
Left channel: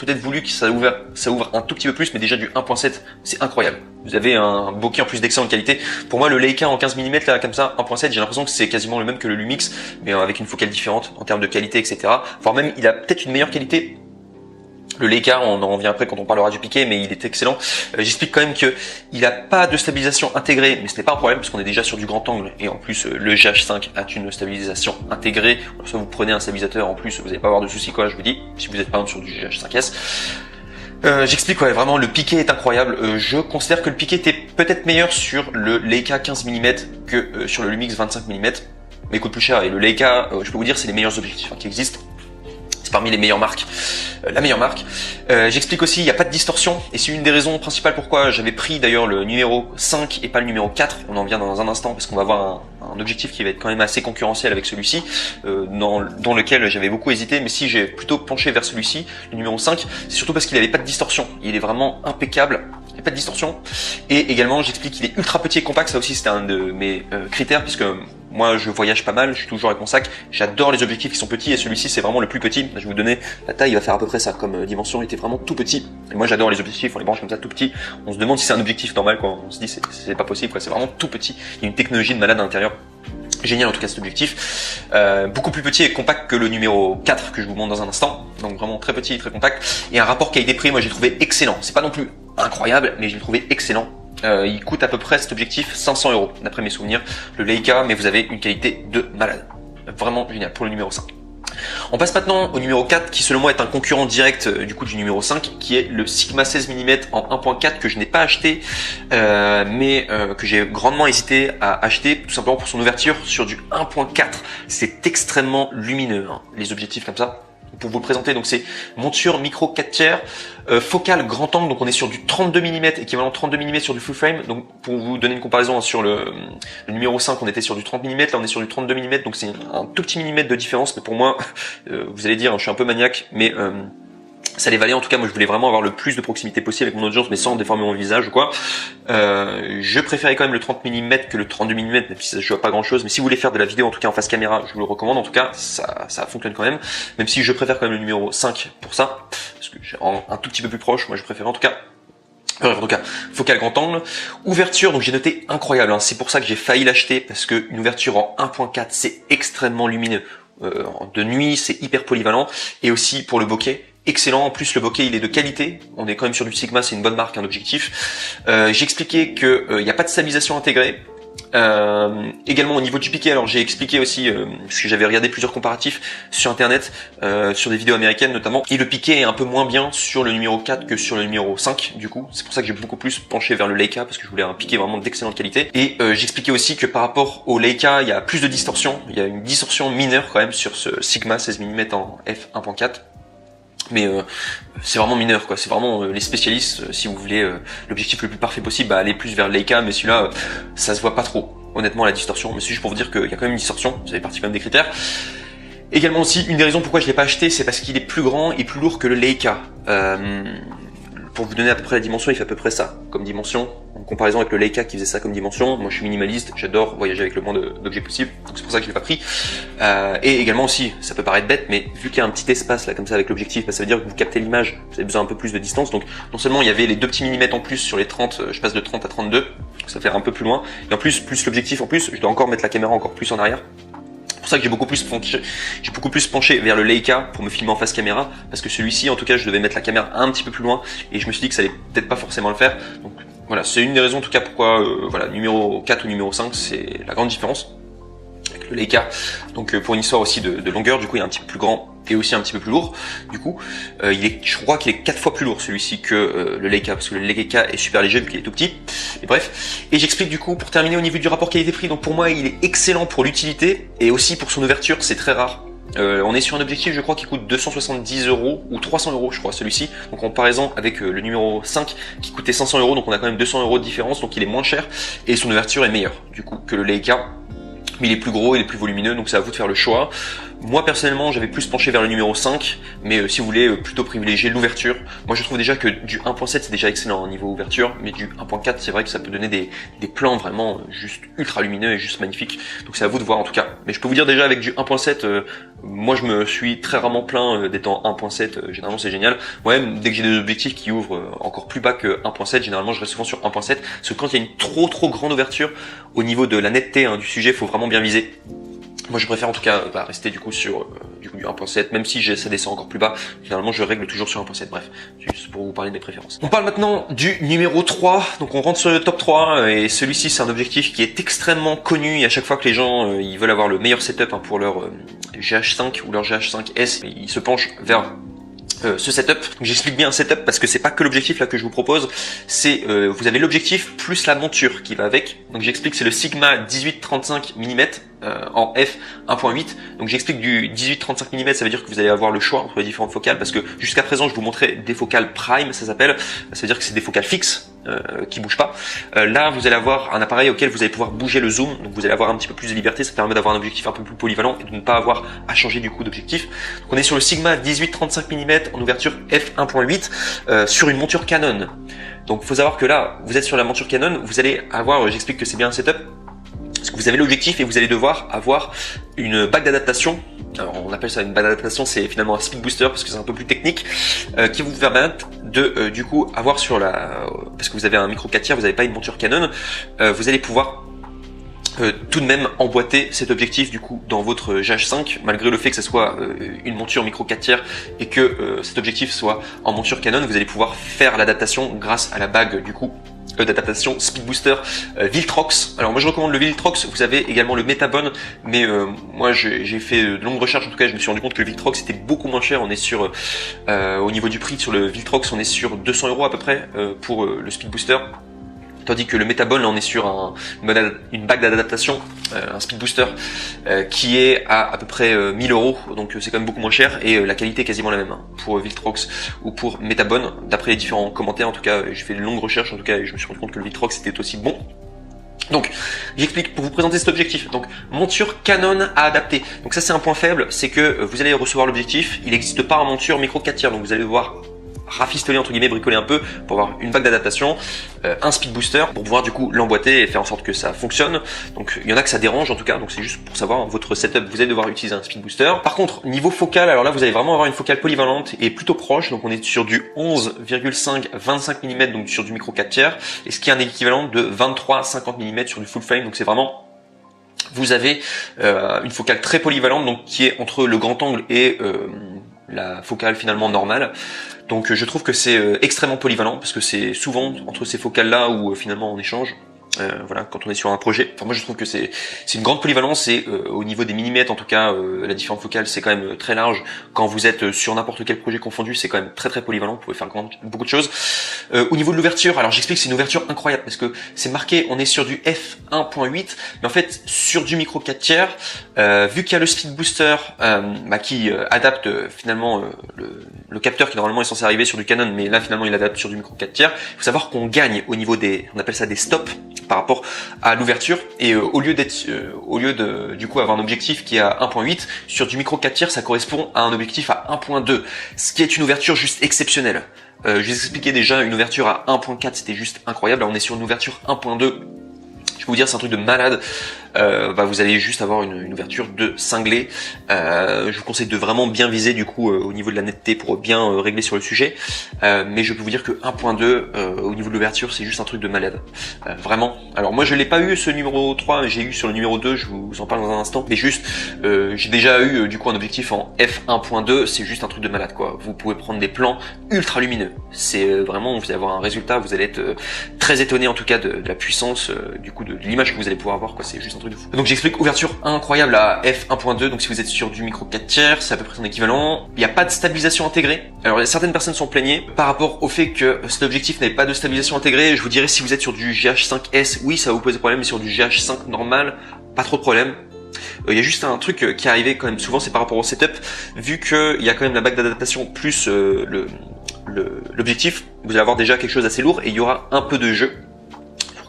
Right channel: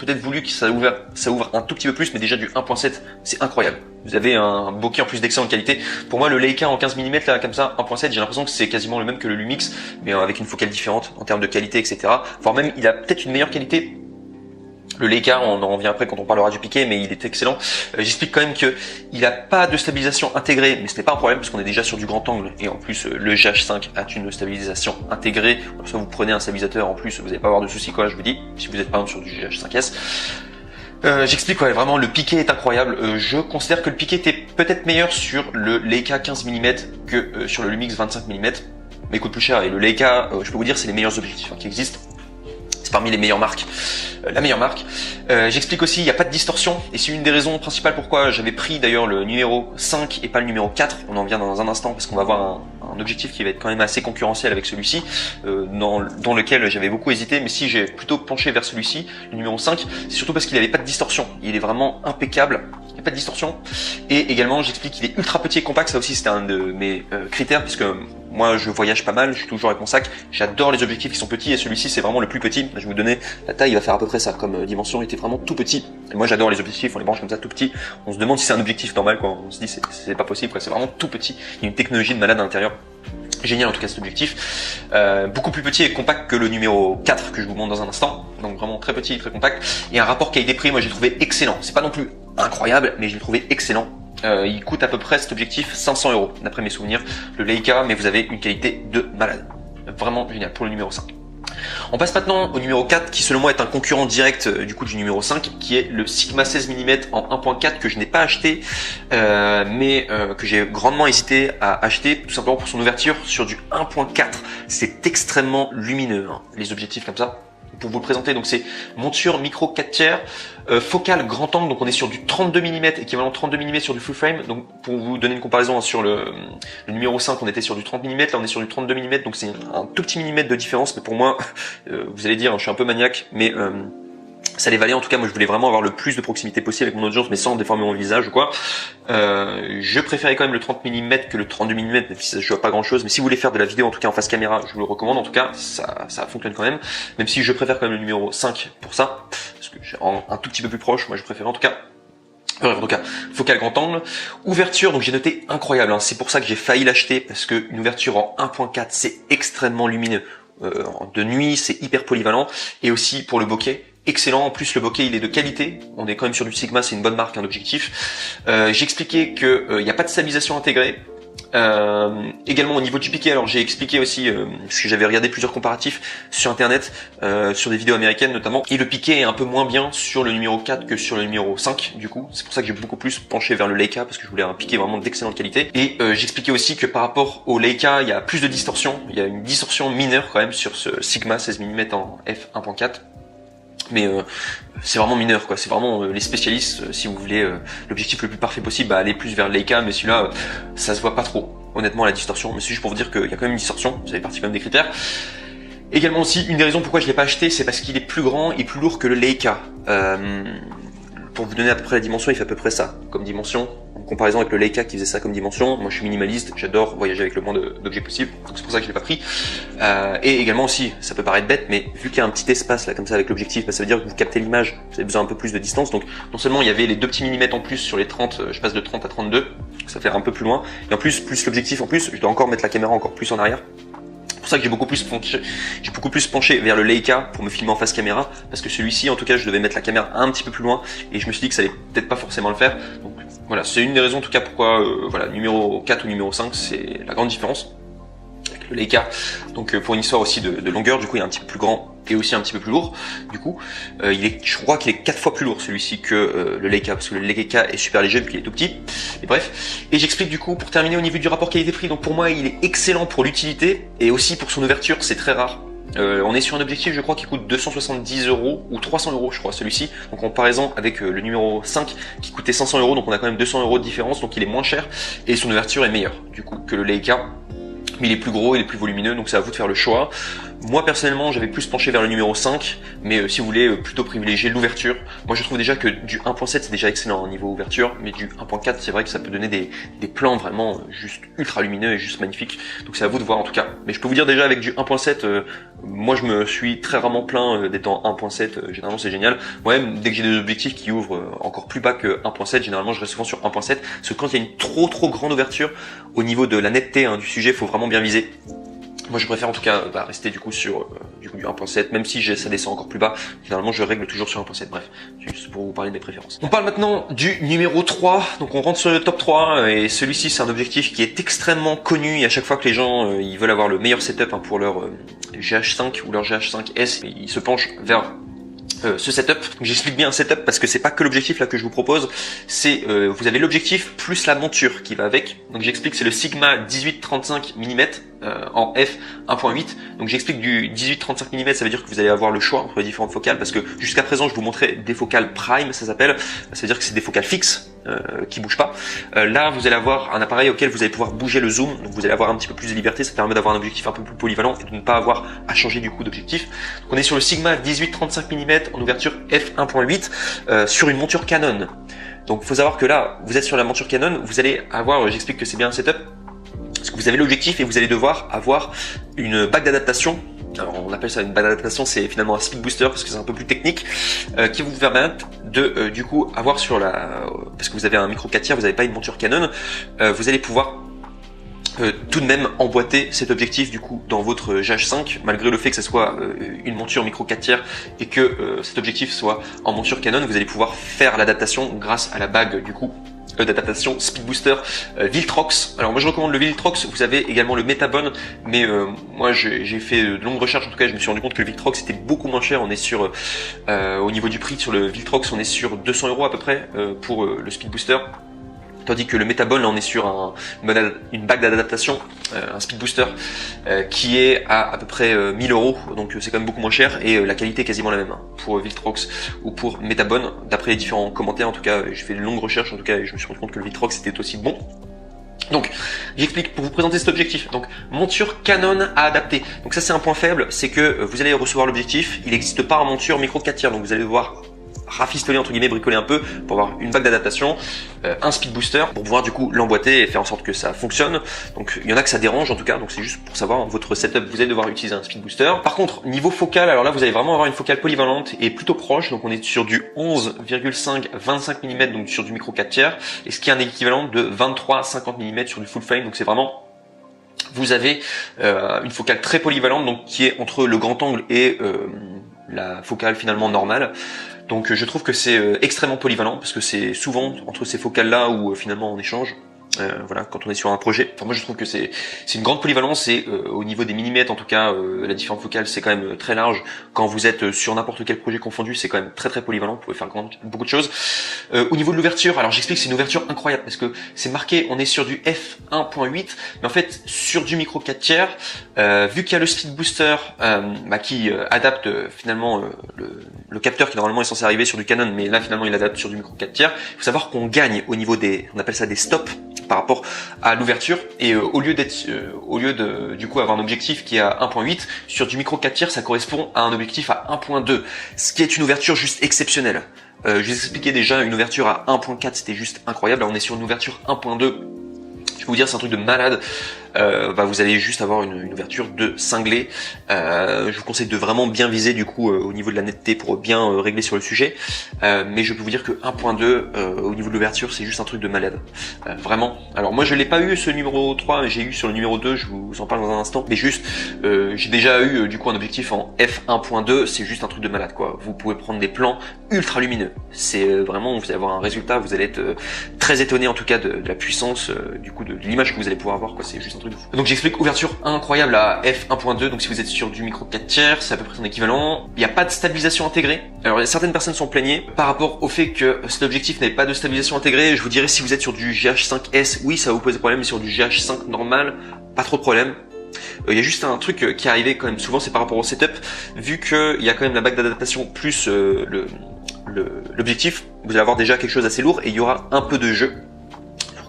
peut-être voulu que ça ouvre un tout petit peu plus, mais déjà du 1.7, c'est incroyable. Vous avez un bokeh en plus d'excellente qualité. Pour moi, le Leica en 15 mm, là, comme ça, 1.7, j'ai l'impression que c'est quasiment le même que le Lumix, mais avec une focale différente en termes de qualité, etc. Voire même, il a peut-être une meilleure qualité. Le Leica, on en revient après quand on parlera du piqué, mais il est excellent. J'explique quand même que il n'a pas de stabilisation intégrée, mais ce n'est pas un problème puisqu'on est déjà sur du grand angle. Et en plus, le GH5 a une stabilisation intégrée. Donc, si vous prenez un stabilisateur en plus, vous n'allez pas avoir de soucis, quoi, je vous dis, si vous êtes par exemple sur du GH5S. J'explique, ouais, vraiment, le piqué est incroyable. Je considère que le piqué était peut-être meilleur sur le Leica 15 mm que sur le Lumix 25 mm, mais il coûte plus cher. Et le Leica, je peux vous dire, c'est les meilleurs objectifs qui existent. C'est parmi les meilleures marques. La meilleure marque. J'explique aussi, il n'y a pas de distorsion, et c'est une des raisons principales pourquoi j'avais pris d'ailleurs le numéro 5 et pas le numéro 4. On en vient dans un instant parce qu'on va avoir un objectif qui va être quand même assez concurrentiel avec celui-ci, dans lequel j'avais beaucoup hésité, mais si j'ai plutôt penché vers celui-ci, le numéro 5, c'est surtout parce qu'il n'avait pas de distorsion. Il est vraiment impeccable, il n'y a pas de distorsion. Et également, j'explique qu'il est ultra petit et compact, ça aussi c'était un de mes critères, parce que moi je voyage pas mal, je suis toujours avec mon sac, j'adore les objectifs qui sont petits, et celui-ci c'est vraiment le plus petit. Je vais vous donner la taille, il va faire à peu près ça, comme dimension, il était vraiment tout petit. Et moi j'adore les objectifs, on les branche comme ça tout petit. On se demande si c'est un objectif normal quand on se dit c'est pas possible, c'est vraiment tout petit. Il y a une technologie de malade à l'intérieur. Génial en tout cas cet objectif. Beaucoup plus petit et compact que le numéro 4 que je vous montre dans un instant. Donc vraiment très petit et très compact. Et un rapport qualité-prix, moi j'ai trouvé excellent. C'est pas non plus incroyable, mais j'ai trouvé excellent. Il coûte à peu près cet objectif 500 € d'après mes souvenirs. Le Leica, mais vous avez une qualité de malade. Vraiment génial pour le numéro 5. On passe maintenant au numéro 4 qui selon moi est un concurrent direct du coup du numéro 5 qui est le Sigma 16 mm en 1.4 que je n'ai pas acheté mais que j'ai grandement hésité à acheter tout simplement pour son ouverture sur du 1.4. C'est extrêmement lumineux hein, les objectifs comme ça. Pour vous le présenter, donc c'est monture micro 4 tiers, focale grand angle, donc on est sur du 32 mm, équivalent 32 mm sur du full frame. Donc pour vous donner une comparaison hein, sur le numéro 5, on était sur du 30 mm, là on est sur du 32 mm, donc c'est un tout petit millimètre de différence, mais pour moi, vous allez dire, je suis un peu maniaque, mais ça les valait en tout cas. Moi je voulais vraiment avoir le plus de proximité possible avec mon audience, mais sans déformer mon visage ou quoi. Je préférais quand même le 30 mm que le 32 mm, même si ça ne joue à pas grand chose. Mais si vous voulez faire de la vidéo en tout cas en face caméra, je vous le recommande. En tout cas ça fonctionne quand même. Même si je préfère quand même le numéro 5 pour ça, parce que j'ai un tout petit peu plus proche. Moi je préfère en tout cas. En tout cas, focale grand angle, ouverture, donc j'ai noté incroyable, hein. C'est pour ça que j'ai failli l'acheter, parce que une ouverture en 1.4 c'est extrêmement lumineux. De nuit c'est hyper polyvalent, et aussi pour le bokeh, excellent. En plus le bokeh il est de qualité, on est quand même sur du Sigma, c'est une bonne marque, un objectif. J'ai expliqué que il n'y a pas de stabilisation intégrée. Également au niveau du piqué, alors j'ai expliqué aussi parce que j'avais regardé plusieurs comparatifs sur internet, sur des vidéos américaines notamment, et le piqué est un peu moins bien sur le numéro 4 que sur le numéro 5 du coup. C'est pour ça que j'ai beaucoup plus penché vers le Leica, parce que je voulais un piqué vraiment d'excellente qualité. Et j'expliquais aussi que par rapport au Leica il y a plus de distorsion, il y a une distorsion mineure quand même sur ce Sigma 16 mm en f1.4. Mais c'est vraiment mineur quoi, c'est vraiment les spécialistes, si on voulait l'objectif le plus parfait possible, bah, aller plus vers le Leica, mais celui-là ça se voit pas trop honnêtement la distorsion, mais c'est juste pour vous dire qu'il y a quand même une distorsion, vous avez partie quand même des critères. Également aussi, une des raisons pourquoi je l'ai pas acheté, c'est parce qu'il est plus grand et plus lourd que le Leica. Pour vous donner à peu près la dimension, il fait à peu près ça comme dimension. En comparaison avec le Leica qui faisait ça comme dimension, moi je suis minimaliste, j'adore voyager avec le moins d'objets possible, donc c'est pour ça que je l'ai pas pris. Et également aussi, ça peut paraître bête, mais vu qu'il y a un petit espace là comme ça avec l'objectif, bah, ça veut dire que vous captez l'image, vous avez besoin un peu plus de distance, donc non seulement il y avait les 2 petits millimètres en plus sur les 30, je passe de 30 à 32, donc ça fait un peu plus loin, et en plus l'objectif en plus, je dois encore mettre la caméra encore plus en arrière. C'est pour ça que j'ai beaucoup plus penché vers le Leica pour me filmer en face caméra, parce que celui-ci en tout cas je devais mettre la caméra un petit peu plus loin, et je me suis dit que ça allait peut-être pas forcément le faire. Voilà, c'est une des raisons en tout cas pourquoi voilà, numéro 4 ou numéro 5 c'est la grande différence avec le Leica. Donc pour une histoire aussi de longueur, du coup il est un petit peu plus grand et aussi un petit peu plus lourd. Du coup je crois qu'il est 4 fois plus lourd celui-ci que le Leica, parce que le Leica est super léger vu qu'il est tout petit. Et bref, et j'explique du coup pour terminer au niveau du rapport qualité-prix. Donc pour moi il est excellent pour l'utilité et aussi pour son ouverture, c'est très rare. On est sur un objectif je crois qui coûte 270 € ou 300 € je crois celui-ci, donc en comparaison avec le numéro 5 qui coûtait 500 €, donc on a quand même 200 € de différence, donc il est moins cher et son ouverture est meilleure du coup que le Leica. mais il est plus gros, il est plus volumineux, donc c'est à vous de faire le choix. Moi personnellement j'avais plus penché vers le numéro 5, mais si vous voulez plutôt privilégier l'ouverture. Moi je trouve déjà que du 1.7 c'est déjà excellent au niveau ouverture, mais du 1.4 c'est vrai que ça peut donner des plans vraiment juste ultra lumineux et juste magnifiques. Donc c'est à vous de voir en tout cas. Mais je peux vous dire déjà avec du 1.7, moi je me suis très rarement plaint d'être en 1.7, généralement c'est génial. Moi-même dès que j'ai des objectifs qui ouvrent encore plus bas que 1.7, généralement je reste souvent sur 1.7, parce que quand il y a une trop grande ouverture, au niveau de la netteté du sujet, il faut vraiment bien viser. Moi je préfère en tout cas rester du coup sur du 1.7, même si ça descend encore plus bas, généralement je règle toujours sur 1.7, bref, juste pour vous parler de mes préférences. On parle maintenant du numéro 3, donc on rentre sur le top 3, et celui-ci c'est un objectif qui est extrêmement connu, et à chaque fois que les gens ils veulent avoir le meilleur setup pour leur GH5 ou leur GH5S, ils se penchent vers ce setup. J'explique bien un setup parce que c'est pas que l'objectif là que je vous propose, c'est vous avez l'objectif plus la monture qui va avec. Donc j'explique, c'est le Sigma 18-35 mm en f 1.8. Donc j'explique du 18-35 mm, ça veut dire que vous allez avoir le choix entre les différentes focales, parce que jusqu'à présent je vous montrais des focales prime, ça s'appelle, ça veut dire que c'est des focales fixes qui bougent pas. Là vous allez avoir un appareil auquel vous allez pouvoir bouger le zoom, donc vous allez avoir un petit peu plus de liberté, ça permet d'avoir un objectif un peu plus polyvalent et de ne pas avoir à changer du coup d'objectif. On est sur le Sigma 18-35 mm en ouverture f 1.8 sur une monture Canon. Donc il faut savoir que là vous êtes sur la monture Canon, vous allez avoir, j'explique que c'est bien un setup, parce que vous avez l'objectif et vous allez devoir avoir une bague d'adaptation. On appelle ça une bague d'adaptation, c'est finalement un speed booster parce que c'est un peu plus technique, qui vous permet de du coup avoir sur la, parce que vous avez un micro 4 tiers, vous n'avez pas une monture Canon, vous allez pouvoir tout de même emboîter cet objectif du coup dans votre GH5, malgré le fait que ce soit une monture micro 4 tiers et que cet objectif soit en monture Canon, vous allez pouvoir faire l'adaptation grâce à la bague du coup d'adaptation Speed Booster Viltrox. Alors moi je recommande le Viltrox, vous avez également le Metabone, mais moi j'ai fait de longues recherches, en tout cas je me suis rendu compte que le Viltrox était beaucoup moins cher. On est sur, au niveau du prix sur le Viltrox, on est sur 200 € à peu près pour le Speed Booster. Tandis que le Metabone, là on est sur une bague d'adaptation, un Speed Booster, qui est à peu près 1000 €, donc c'est quand même beaucoup moins cher, et la qualité est quasiment la même pour Viltrox ou pour Metabone. D'après les différents commentaires, en tout cas j'ai fait de longues recherches, en tout cas je me suis rendu compte que le Viltrox était aussi bon. Donc, j'explique pour vous présenter cet objectif. Donc, monture Canon à adapter. Donc ça c'est un point faible, c'est que vous allez recevoir l'objectif, il n'existe pas en monture micro 4 tiers, donc vous allez devoir rafistoler entre guillemets, bricoler un peu pour avoir une bague d'adaptation, un speed booster pour pouvoir du coup l'emboîter et faire en sorte que ça fonctionne. Donc il y en a que ça dérange en tout cas, donc c'est juste pour savoir votre setup, vous allez devoir utiliser un speed booster. Par contre niveau focal, alors là vous allez vraiment avoir une focale polyvalente et plutôt proche, donc on est sur du 11,5-25 mm, donc sur du micro 4 tiers, et ce qui est un équivalent de 23-50 mm sur du full frame, donc c'est vraiment, vous avez une focale très polyvalente, donc qui est entre le grand angle et la focale finalement normale. Donc je trouve que c'est extrêmement polyvalent, parce que c'est souvent entre ces focales là où finalement on échange. Voilà, quand on est sur un projet. Enfin, moi je trouve que c'est une grande polyvalence, et au niveau des millimètres en tout cas, la différence focale c'est quand même très large. Quand vous êtes sur n'importe quel projet confondu, c'est quand même très polyvalent, vous pouvez faire beaucoup de choses. Au niveau de l'ouverture, alors j'explique, c'est une ouverture incroyable parce que c'est marqué, on est sur du f1.8, mais en fait sur du micro 4 tiers, vu qu'il y a le speed booster qui adapte finalement le capteur qui normalement est censé arriver sur du Canon, mais là finalement il adapte sur du micro 4 tiers. Il faut savoir qu'on gagne au niveau des, on appelle ça des stops par rapport à l'ouverture, et au lieu de du coup avoir un objectif qui est à 1.8 sur du micro 4 tiers, ça correspond à un objectif à 1.2, ce qui est une ouverture juste exceptionnelle. Je vous expliquais déjà, une ouverture à 1.4 c'était juste incroyable. Là on est sur une ouverture 1.2. Je peux vous dire, c'est un truc de malade. Vous allez juste avoir une ouverture de cinglé. Je vous conseille de vraiment bien viser du coup au niveau de la netteté pour bien régler sur le sujet. Mais je peux vous dire que 1.2 au niveau de l'ouverture, c'est juste un truc de malade. Vraiment. Alors moi je l'ai pas eu ce numéro 3, j'ai eu sur le numéro 2, je vous en parle dans un instant. Mais juste, j'ai déjà eu du coup un objectif en f1.2, c'est juste un truc de malade quoi. Vous pourrez prendre des plans ultra lumineux. C'est vraiment, vous allez avoir un résultat, vous allez être très étonné en tout cas de la puissance du coup de l'image que vous allez pouvoir avoir quoi. C'est juste un truc de fou. Donc j'explique, ouverture incroyable à f1.2, donc si vous êtes sur du micro 4 tiers, c'est à peu près son équivalent. Il n'y a pas de stabilisation intégrée. Alors certaines personnes sont plaignées par rapport au fait que cet objectif n'ait pas de stabilisation intégrée. Je vous dirais, si vous êtes sur du GH5S, oui ça va vous poser problème, mais sur du GH5 normal, pas trop de problème. Il y a juste un truc qui est arrivé quand même souvent, c'est par rapport au setup, vu qu'il y a quand même la bague d'adaptation plus l'objectif, vous allez avoir déjà quelque chose d'assez lourd et il y aura un peu de jeu.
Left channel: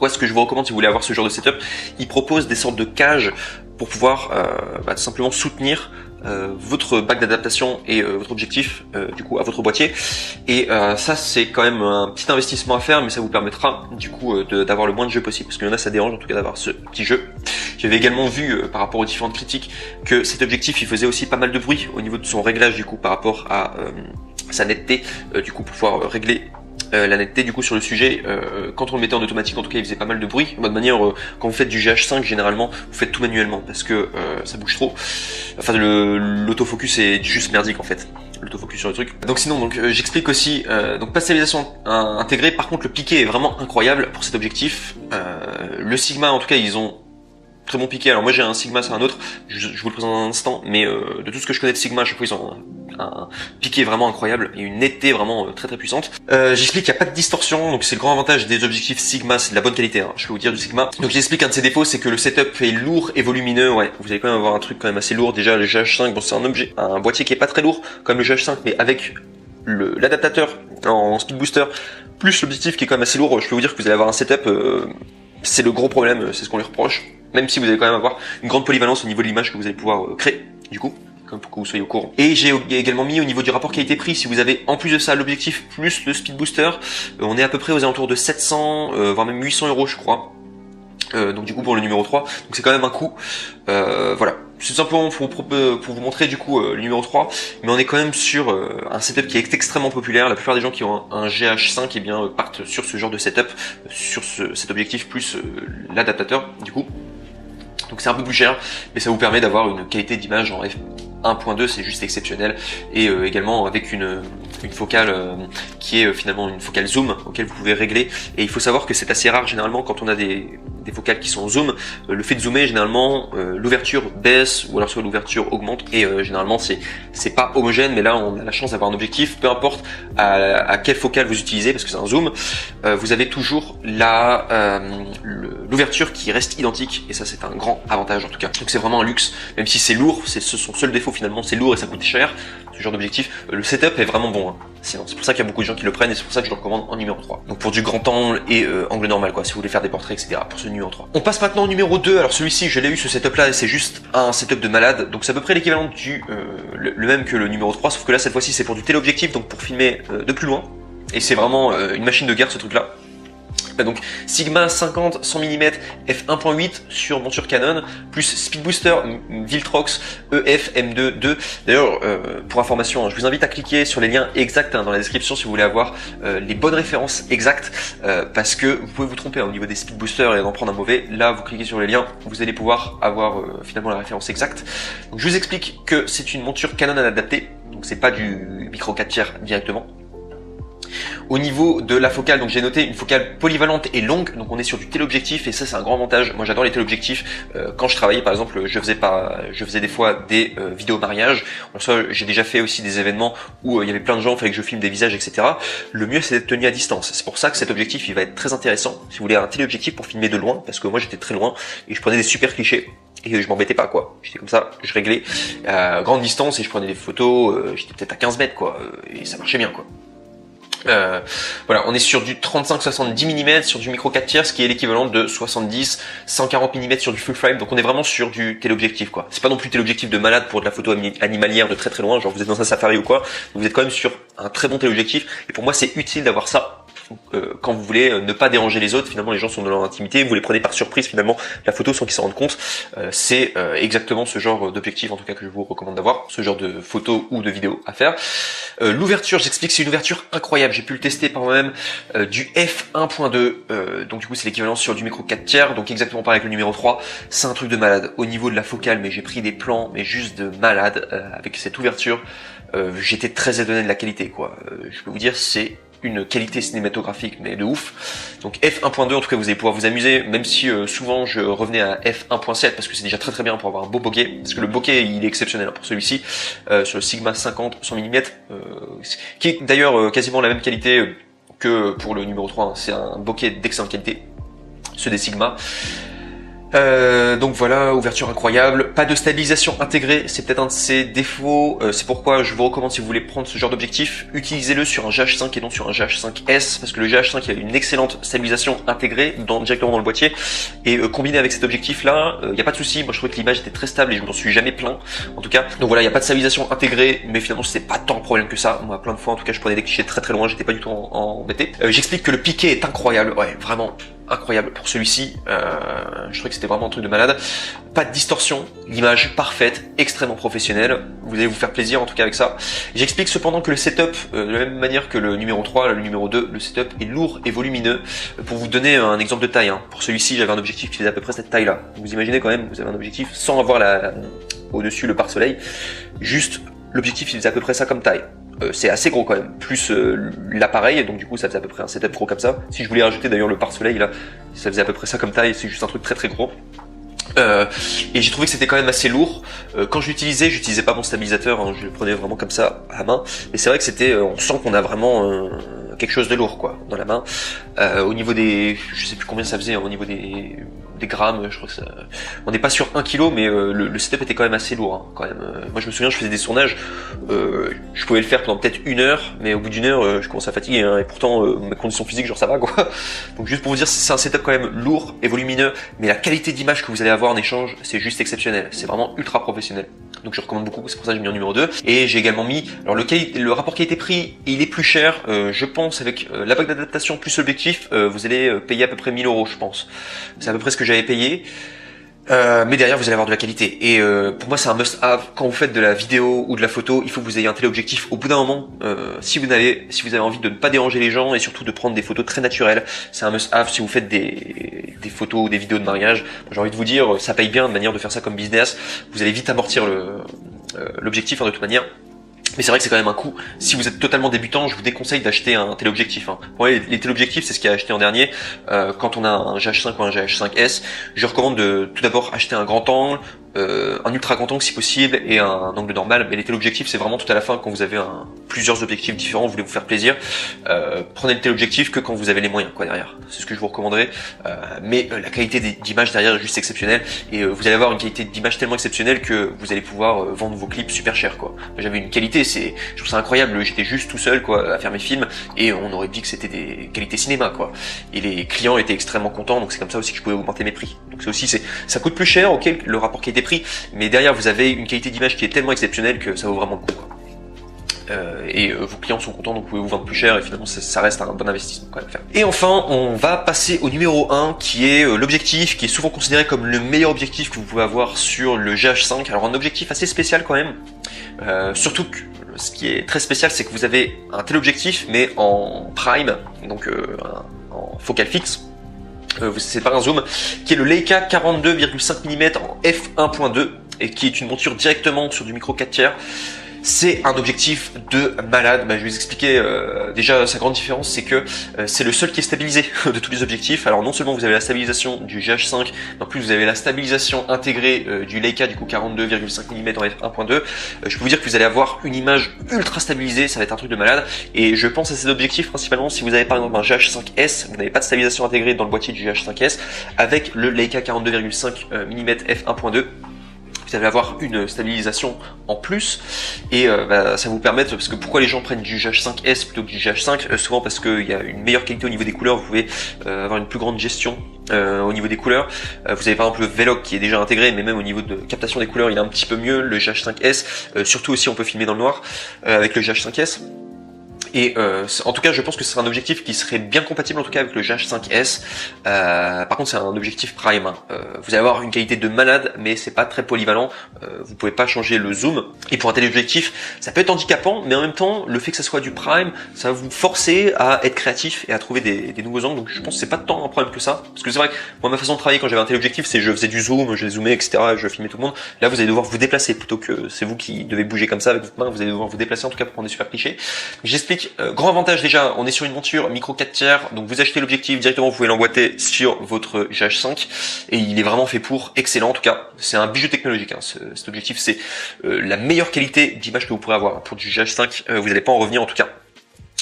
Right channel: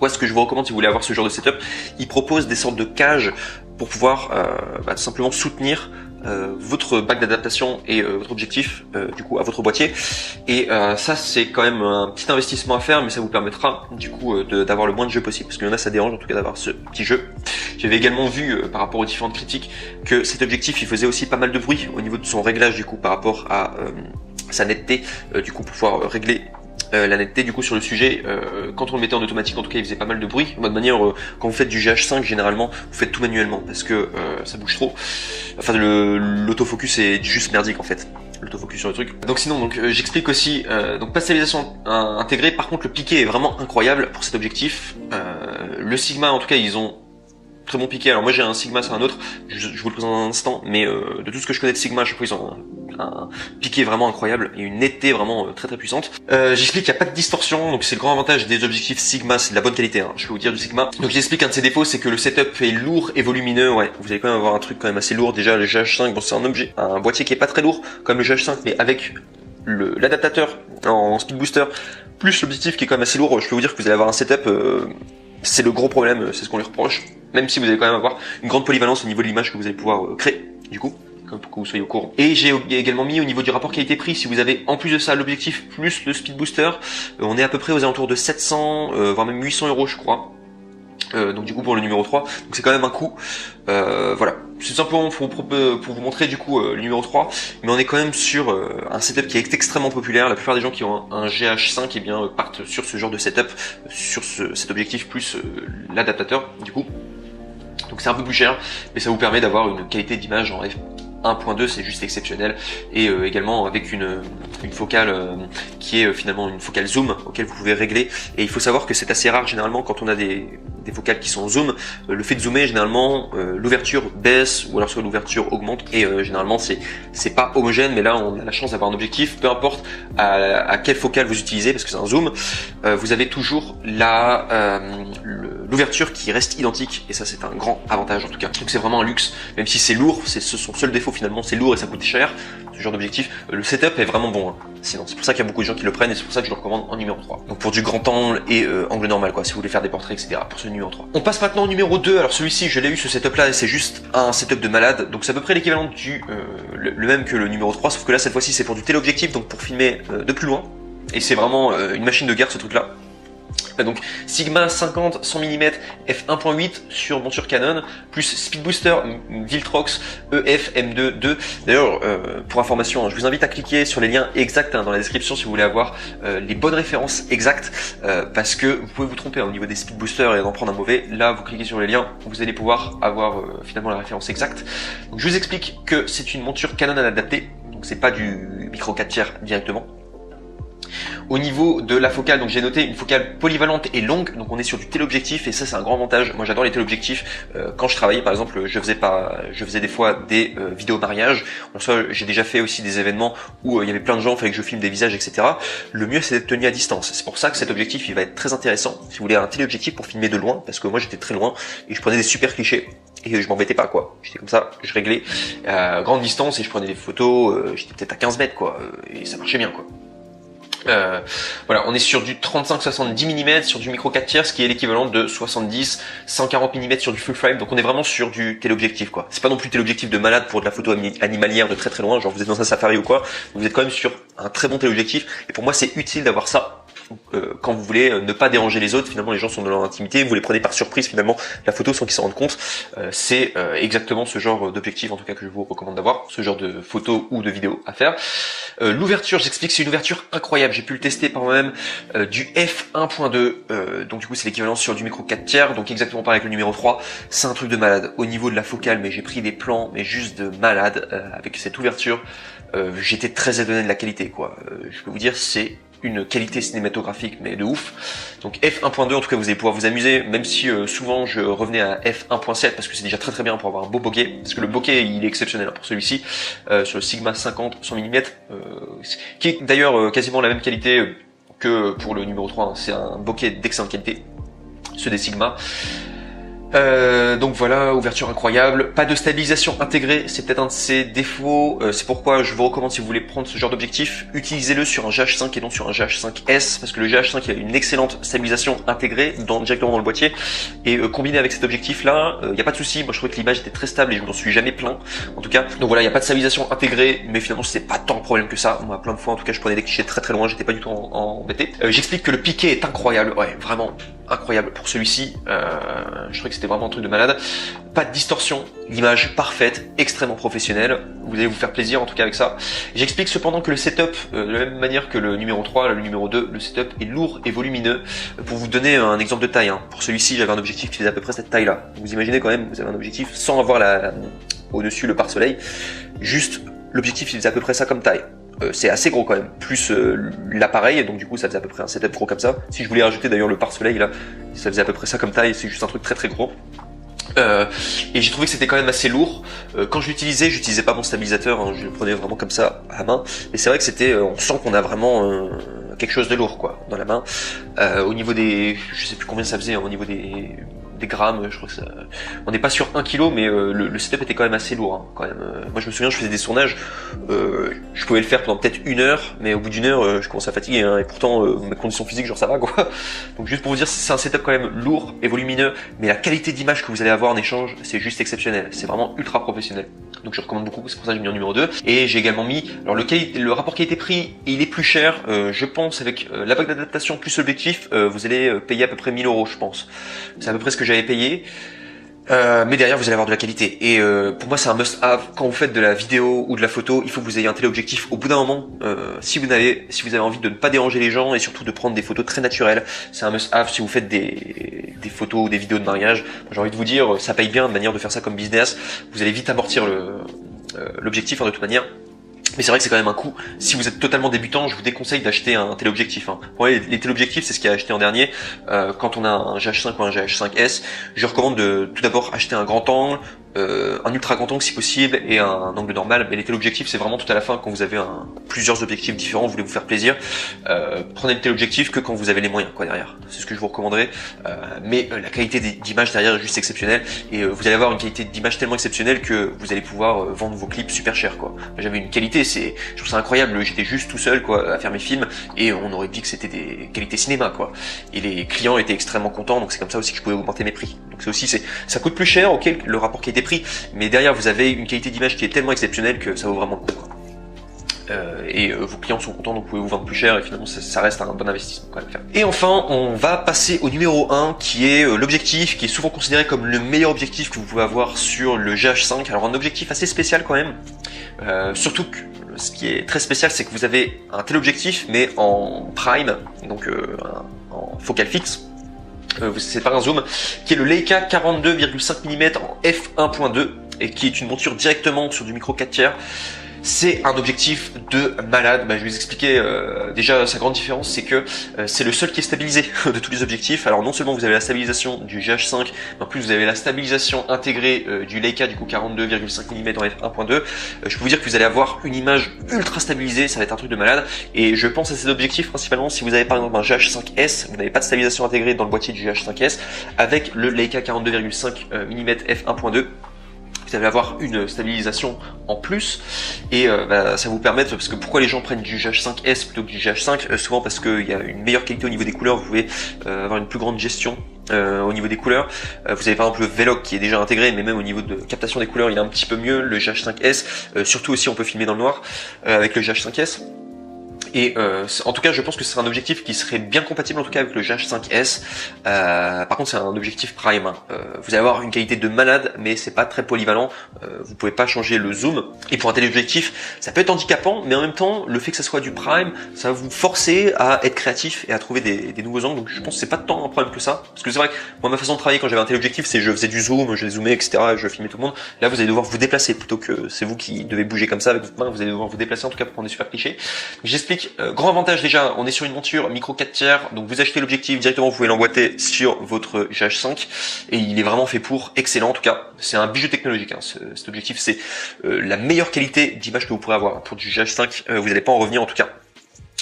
Pourquoi est-ce que je vous recommande si vous voulez avoir ce genre de setup? Il propose des sortes de cages pour pouvoir tout simplement soutenir votre bac d'adaptation et votre objectif du coup à votre boîtier, et ça c'est quand même un petit investissement à faire, mais ça vous permettra du coup d'avoir le moins de jeux possible, parce qu'il y en a ça dérange en tout cas d'avoir ce petit jeu. J'avais également vu par rapport aux différentes critiques que cet objectif il faisait aussi pas mal de bruit au niveau de son réglage du coup par rapport à sa netteté, du coup pour pouvoir régler la netteté du coup sur le sujet. Quand on le mettait en automatique en tout cas il faisait pas mal de bruit. De manière quand vous faites du GH5 généralement vous faites tout manuellement parce que ça bouge trop. Enfin l'autofocus est juste merdique en fait, l'autofocus sur le truc. Donc sinon j'explique aussi donc pasterisation intégrée. Par contre le piqué est vraiment incroyable pour cet objectif. Le Sigma en tout cas ils ont très bon piqué. Alors moi j'ai un Sigma, c'est un autre, je vous le présente dans un instant, mais de tout ce que je connais de Sigma, je crois qu'ils ont un piqué vraiment incroyable et une netteté vraiment très très puissante. J'explique qu'il n'y a pas de distorsion, donc c'est le grand avantage des objectifs Sigma, c'est de la bonne qualité, hein, je peux vous dire du Sigma. Donc j'explique un de ses défauts, c'est que le setup est lourd et volumineux, ouais. Vous allez quand même avoir un truc quand même assez lourd. Déjà le GH5, bon c'est un boîtier qui est pas très lourd comme le GH5, mais avec l'adaptateur en speed booster, plus l'objectif qui est quand même assez lourd, je peux vous dire que vous allez avoir un setup, c'est le gros problème, c'est ce qu'on lui reproche. Même si vous allez quand même avoir une grande polyvalence au niveau de l'image que vous allez pouvoir créer, du coup, pour que vous soyez au courant. Et j'ai également mis au niveau du rapport qualité-prix, si vous avez en plus de ça l'objectif plus le speed booster, on est à peu près aux alentours de 700, voire même 800 euros je crois. Donc du coup pour le numéro 3, c'est quand même un coût. Voilà, c'est simplement pour vous montrer du coup le numéro 3, mais on est quand même sur un setup qui est extrêmement populaire. La plupart des gens qui ont un GH5 eh bien, partent sur ce genre de setup, sur cet objectif plus l'adaptateur du coup. Donc c'est un peu plus cher, mais ça vous permet d'avoir une qualité d'image en f1.2, c'est juste exceptionnel, et également avec une focale qui est finalement une focale zoom auquel vous pouvez régler. Et il faut savoir que c'est assez rare généralement quand on a des focales qui sont zoom, le fait de zoomer généralement l'ouverture baisse ou alors soit l'ouverture augmente, et généralement c'est pas homogène, mais là on a la chance d'avoir un objectif, peu importe à quelle focale vous utilisez, parce que c'est un zoom, vous avez toujours l'ouverture qui reste identique, et ça c'est un grand avantage en tout cas. Donc c'est vraiment un luxe, même si c'est lourd, c'est son seul défaut finalement, c'est lourd et ça coûte cher, ce genre d'objectif. Le setup est vraiment bon, hein. Sinon c'est pour ça qu'il y a beaucoup de gens qui le prennent, et c'est pour ça que je le recommande en numéro 3. Donc pour du grand angle et angle normal quoi, si vous voulez faire des portraits etc. pour ce numéro 3. On passe maintenant au numéro 2, alors celui-ci je l'ai eu ce setup là et c'est juste un setup de malade, donc c'est à peu près l'équivalent du le même que le numéro 3, sauf que là cette fois-ci c'est pour du téléobjectif, donc pour filmer de plus loin, et c'est vraiment une machine de guerre ce truc là. Donc Sigma 50 100 mm f1.8 sur monture Canon, plus Speed Booster Viltrox EF M2. D'ailleurs, pour information, je vous invite à cliquer sur les liens exacts dans la description si vous voulez avoir les bonnes références exactes, parce que vous pouvez vous tromper au niveau des Speed Boosters et en prendre un mauvais. Là, vous cliquez sur les liens, vous allez pouvoir avoir finalement la référence exacte. Donc je vous explique que c'est une monture Canon adaptée, donc c'est pas du micro 4 tiers directement. Au niveau de la focale, donc j'ai noté une focale polyvalente et longue, donc on est sur du téléobjectif, et ça c'est un grand avantage. Moi j'adore les téléobjectifs. Quand je travaillais par exemple, je faisais des fois des vidéos de mariage. En soi, j'ai déjà fait aussi des événements où il y avait plein de gens, il fallait que je filme des visages, etc. Le mieux c'est d'être tenu à distance. C'est pour ça que cet objectif il va être très intéressant si vous voulez un téléobjectif pour filmer de loin, parce que moi j'étais très loin et je prenais des super clichés et je m'embêtais pas quoi. J'étais comme ça, je réglais à grande distance et je prenais des photos, j'étais peut-être à 15 mètres quoi, et ça marchait bien quoi. Voilà, on est sur du 35-70 mm sur du micro 4 tiers, ce qui est l'équivalent de 70-140 mm sur du full frame, donc on est vraiment sur du téléobjectif quoi. C'est pas non plus téléobjectif de malade pour de la photo animalière de très très loin, genre vous êtes dans un safari ou quoi, vous êtes quand même sur un très bon téléobjectif, et pour moi c'est utile d'avoir ça. Donc, quand vous voulez ne pas déranger les autres, finalement les gens sont dans leur intimité, vous les prenez par surprise finalement, la photo sans qu'ils s'en rendent compte, c'est exactement ce genre d'objectif en tout cas que je vous recommande d'avoir, ce genre de photo ou de vidéo à faire. L'ouverture, j'explique, c'est une ouverture incroyable, j'ai pu le tester par moi-même, du f1.2, donc du coup c'est l'équivalent sur du micro 4 tiers, donc exactement pareil avec le numéro 3, c'est un truc de malade. Au niveau de la focale, mais j'ai pris des plans mais juste de malade avec cette ouverture, j'étais très étonné de la qualité quoi. Je peux vous dire c'est une qualité cinématographique mais de ouf. Donc f1.2 en tout cas vous allez pouvoir vous amuser, même si souvent je revenais à f1.7 parce que c'est déjà très très bien pour avoir un beau bokeh, parce que le bokeh il est exceptionnel pour celui-ci, sur le Sigma 50 100 mm, qui est d'ailleurs quasiment la même qualité que pour le numéro 3, hein. C'est un bokeh d'excellente qualité, ceux des Sigma. Donc voilà, ouverture incroyable, pas de stabilisation intégrée, c'est peut-être un de ses défauts, c'est pourquoi je vous recommande, si vous voulez prendre ce genre d'objectif, utilisez-le sur un GH5 et non sur un GH5S, parce que le GH5 a une excellente stabilisation intégrée directement dans le boîtier, et combiné avec cet objectif là, il n'y a pas de souci. Moi je trouvais que l'image était très stable et je m'en suis jamais plaint, en tout cas. Donc voilà, il n'y a pas de stabilisation intégrée, mais finalement c'est pas tant de problème que ça. Moi plein de fois en tout cas je prenais des clichés très très loin, j'étais pas du tout embêté. J'explique que le piqué est incroyable, ouais vraiment incroyable pour celui-ci. Je trouvais que c'était vraiment un truc de malade. Pas de distorsion, l'image parfaite, extrêmement professionnelle. Vous allez vous faire plaisir en tout cas avec ça. J'explique cependant que le setup, de la même manière que le numéro 3, le numéro 2, le setup est lourd et volumineux. Pour vous donner un exemple de taille, hein. Pour celui-ci, j'avais un objectif qui faisait à peu près cette taille-là. Vous imaginez quand même, vous avez un objectif sans avoir au-dessus le pare-soleil. Juste, l'objectif faisait à peu près ça comme taille. C'est assez gros quand même, plus l'appareil, donc du coup ça faisait à peu près un setup gros comme ça. Si je voulais rajouter d'ailleurs le pare-soleil là, ça faisait à peu près ça comme taille, c'est juste un truc très très gros. Et j'ai trouvé que c'était quand même assez lourd. Quand je j'utilisais pas mon stabilisateur, hein, je le prenais vraiment comme ça à main. Et c'est vrai que c'était, on sent qu'on a vraiment quelque chose de lourd quoi dans la main. Au niveau des, je sais plus combien ça faisait, hein, au niveau des grammes, je crois que ça, on n'est pas sur 1 kg, mais le setup était quand même assez lourd, hein, quand même. Moi je me souviens, je faisais des sondages, je pouvais le faire pendant peut-être 1 heure, mais au bout d'1 heure, je commence à fatiguer, hein, et pourtant mes conditions physiques, genre ça va quoi. Donc juste pour vous dire, c'est un setup quand même lourd et volumineux, mais la qualité d'image que vous allez avoir en échange, c'est juste exceptionnel, c'est vraiment ultra professionnel. Donc je recommande beaucoup, c'est pour ça que j'ai mis en numéro 2. Et j'ai également mis, alors le rapport qualité-prix, il est plus cher, je pense, avec la bague d'adaptation plus objectif, vous allez payer à peu près 1000 €, je pense. C'est à peu près ce que j'avais payé. Mais derrière vous allez avoir de la qualité, et pour moi c'est un must have. Quand vous faites de la vidéo ou de la photo, il faut que vous ayez un téléobjectif au bout d'un moment. Si vous avez envie de ne pas déranger les gens et surtout de prendre des photos très naturelles, c'est un must have. Si vous faites des photos ou des vidéos de mariage, j'ai envie de vous dire, ça paye bien de manière de faire ça comme business. Vous allez vite amortir l'objectif, hein, de toute manière. Mais c'est vrai que c'est quand même un coût. Si vous êtes totalement débutant, je vous déconseille d'acheter un téléobjectif, hein. Ouais, les téléobjectifs, c'est ce qu'il y a acheté en dernier. Quand on a un GH5 ou un GH5S, je recommande de tout d'abord acheter un grand angle, un ultra grand angle si possible, et un angle normal. Mais les téléobjectifs, c'est vraiment tout à la fin, quand vous avez plusieurs objectifs différents, vous voulez vous faire plaisir. Prenez le téléobjectif que quand vous avez les moyens, quoi, derrière. C'est ce que je vous recommanderais. Mais la qualité d'image derrière est juste exceptionnelle, et vous allez avoir une qualité d'image tellement exceptionnelle que vous allez pouvoir vendre vos clips super cher, quoi. J'avais une qualité, je trouve ça incroyable. J'étais juste tout seul, quoi, à faire mes films, et on aurait dit que c'était des qualités cinéma, quoi. Et les clients étaient extrêmement contents, donc c'est comme ça aussi que je pouvais augmenter mes prix. Donc ça aussi, ça coûte plus cher, ok, le rapport qualité-prix, mais derrière vous avez une qualité d'image qui est tellement exceptionnelle que ça vaut vraiment le coup, quoi. Et vos clients sont contents, donc vous pouvez vous vendre plus cher, et finalement ça reste un bon investissement quand même faire. Et enfin, on va passer au numéro 1, qui est l'objectif, qui est souvent considéré comme le meilleur objectif que vous pouvez avoir sur le GH5. Alors un objectif assez spécial quand même, surtout que ce qui est très spécial, c'est que vous avez un téléobjectif, mais en prime, donc en focale fixe. C'est pas un zoom, qui est le Leica 42,5 mm en f1.2, et qui est une monture directement sur du micro 4/3. C'est un objectif de malade. Je vais vous expliquer déjà sa grande différence, c'est que c'est le seul qui est stabilisé de tous les objectifs. Alors non seulement vous avez la stabilisation du GH5, mais en plus vous avez la stabilisation intégrée du Leica du coup 42,5 mm en f1.2. Je peux vous dire que vous allez avoir une image ultra stabilisée, ça va être un truc de malade. Et je pense à cet objectif principalement si vous avez par exemple un GH5S, vous n'avez pas de stabilisation intégrée dans le boîtier du GH5S, avec le Leica 42,5 mm f1.2. Vous allez avoir une stabilisation en plus, et ça vous permet, parce que pourquoi les gens prennent du GH5S plutôt que du GH5, souvent parce qu'il y a une meilleure qualité au niveau des couleurs, vous pouvez avoir une plus grande gestion au niveau des couleurs. Vous avez par exemple le Vlog qui est déjà intégré, mais même au niveau de captation des couleurs il est un petit peu mieux, le GH5S, surtout aussi on peut filmer dans le noir avec le GH5S. Et en tout cas, je pense que ce sera un objectif qui serait bien compatible en tout cas avec le GH5S. Par contre, c'est un objectif prime, hein. Vous allez avoir une qualité de malade, mais c'est pas très polyvalent. Vous pouvez pas changer le zoom. Et pour un téléobjectif, ça peut être handicapant, mais en même temps, le fait que ça soit du prime, ça va vous forcer à être créatif et à trouver des nouveaux angles. Donc je pense que c'est pas tant un problème que ça. Parce que c'est vrai que moi, ma façon de travailler quand j'avais un téléobjectif, c'est je faisais du zoom, je zoomais, etc. Je filmais tout le monde. Là, vous allez devoir vous déplacer plutôt que c'est vous qui devez bouger comme ça avec votre main. Vous allez devoir vous déplacer en tout cas pour prendre des super clichés. J'explique. Grand avantage déjà, on est sur une monture micro 4/3, donc vous achetez l'objectif directement, vous pouvez l'emboîter sur votre GH5, et il est vraiment fait pour, excellent en tout cas. C'est un bijou technologique, hein. Cet objectif, c'est la meilleure qualité d'image que vous pourrez avoir pour du GH5, vous n'allez pas en revenir en tout cas.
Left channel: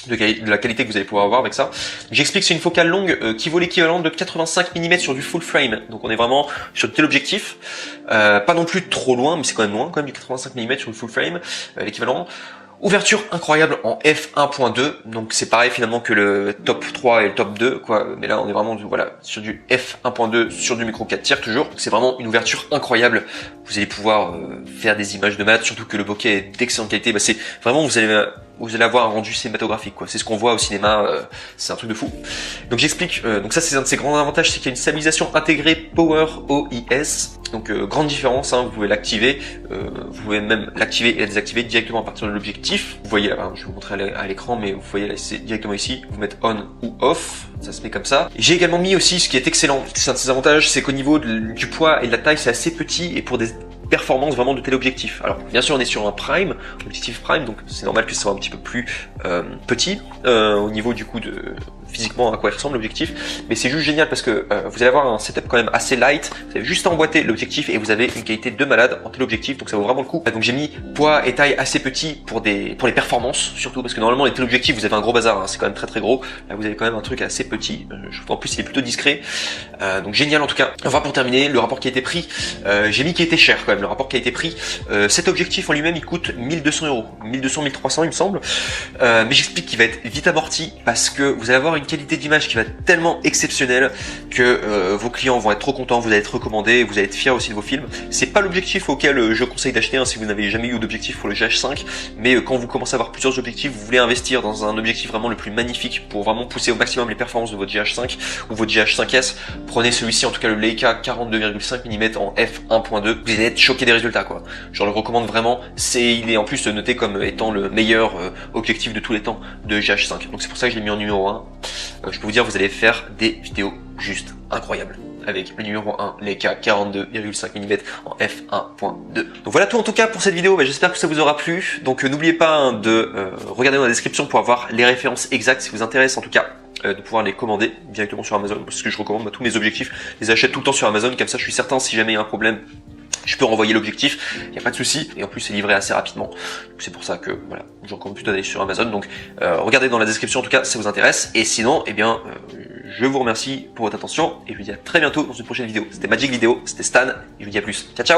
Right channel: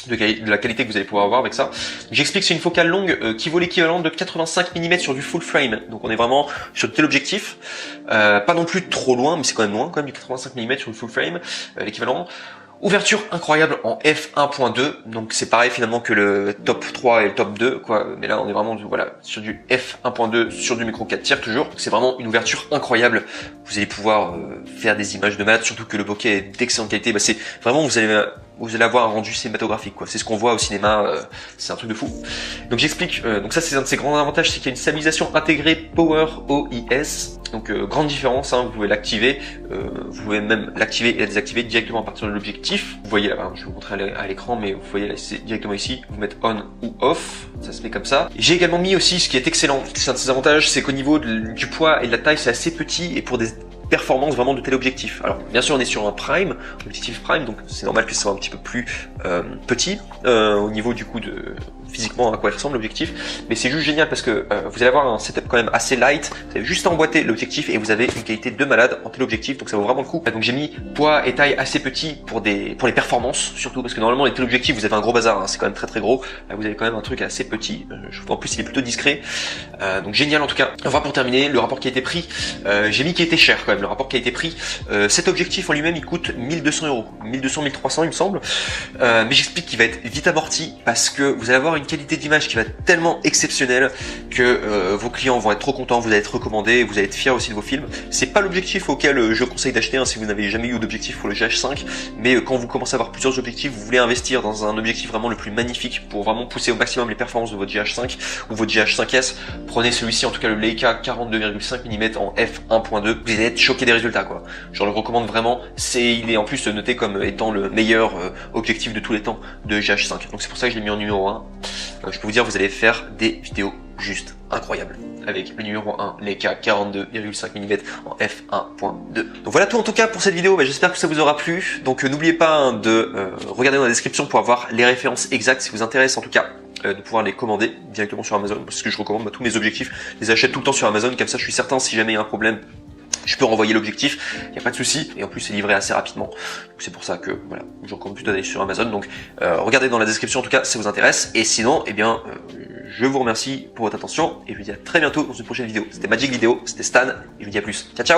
de la qualité que vous allez pouvoir avoir avec ça. J'explique, c'est une focale longue qui vaut l'équivalent de 85 mm sur du full frame. Donc on est vraiment sur le téléobjectif. Pas non plus trop loin, mais c'est quand même loin, quand même, 85 mm sur le full frame, l'équivalent. Ouverture incroyable en f1.2, donc c'est pareil finalement que le top 3 et le top 2, quoi. Mais là on est vraiment sur du f1.2 sur du micro 4 tiers toujours. C'est vraiment une ouverture incroyable. Vous allez pouvoir faire des images de maths, surtout que le bokeh est d'excellente qualité. C'est vraiment vous allez avoir un rendu cinématographique, quoi. C'est ce qu'on voit au cinéma, c'est un truc de fou. Donc j'explique, donc ça c'est un de ses grands avantages, c'est qu'il y a une stabilisation intégrée Power OIS. Donc grande différence, hein, vous pouvez l'activer, vous pouvez même l'activer et la désactiver directement à partir de l'objectif. Vous voyez là, je vais vous montrer à l'écran, mais vous voyez c'est directement ici, vous mettez on ou off, ça se met comme ça. J'ai également mis aussi, ce qui est excellent, c'est un de ses avantages, c'est qu'au niveau du poids et de la taille, c'est assez petit et pour des performance vraiment de téléobjectif. Alors, bien sûr on est sur un prime, objectif prime, donc c'est normal que ce soit un petit peu plus petit au niveau du coup de physiquement à quoi il ressemble l'objectif, mais c'est juste génial parce que vous allez avoir un setup quand même assez light, vous avez juste à emboîter l'objectif et vous avez une qualité de malade en téléobjectif, donc ça vaut vraiment le coup. Donc j'ai mis poids et taille assez petit pour les performances, surtout parce que normalement les téléobjectifs vous avez un gros bazar, hein, c'est quand même très gros, là vous avez quand même un truc assez petit, en plus il est plutôt discret, donc génial en tout cas. Enfin pour terminer, le rapport qui a été pris, j'ai mis qui était cher quand même, le rapport qui a été pris, cet objectif en lui-même il coûte 1200 €, 1200-1300 il me semble, mais j'explique qu'il va être vite amorti parce que vous allez avoir une qualité d'image qui va être tellement exceptionnelle que vos clients vont être trop contents, vous allez être recommandé, vous allez être fiers aussi de vos films. C'est pas l'objectif auquel je conseille d'acheter si vous n'avez jamais eu d'objectif pour le GH5, mais quand vous commencez à avoir plusieurs objectifs, vous voulez investir dans un objectif vraiment le plus magnifique pour vraiment pousser au maximum les performances de votre GH5 ou votre GH5S, prenez celui-ci, en tout cas le Leica 42,5 mm en f1.2, vous allez être choqué des résultats, quoi. Je le recommande vraiment, il est en plus noté comme étant le meilleur objectif de tous les temps de GH5, donc c'est pour ça que je l'ai mis en numéro 1. Je peux vous dire, vous allez faire des vidéos juste incroyables avec le numéro 1 Leica 42,5 mm en f1.2. Donc voilà tout en tout cas pour cette vidéo, j'espère que ça vous aura plu. Donc n'oubliez pas de regarder dans la description pour avoir les références exactes si vous intéresse en tout cas. De pouvoir les commander directement sur Amazon, parce que je recommande tous mes objectifs, je les achète tout le temps sur Amazon, comme ça je suis certain si jamais il y a un problème, je peux renvoyer l'objectif, il n'y a pas de souci, et en plus c'est livré assez rapidement. C'est pour ça que voilà, je recommande plutôt d'aller sur Amazon, donc regardez dans la description en tout cas si ça vous intéresse, et sinon, eh bien, je vous remercie pour votre attention, et je vous dis à très bientôt dans une prochaine vidéo. C'était Magic Vidéo, c'était Stan, et je vous dis à plus. Ciao ciao.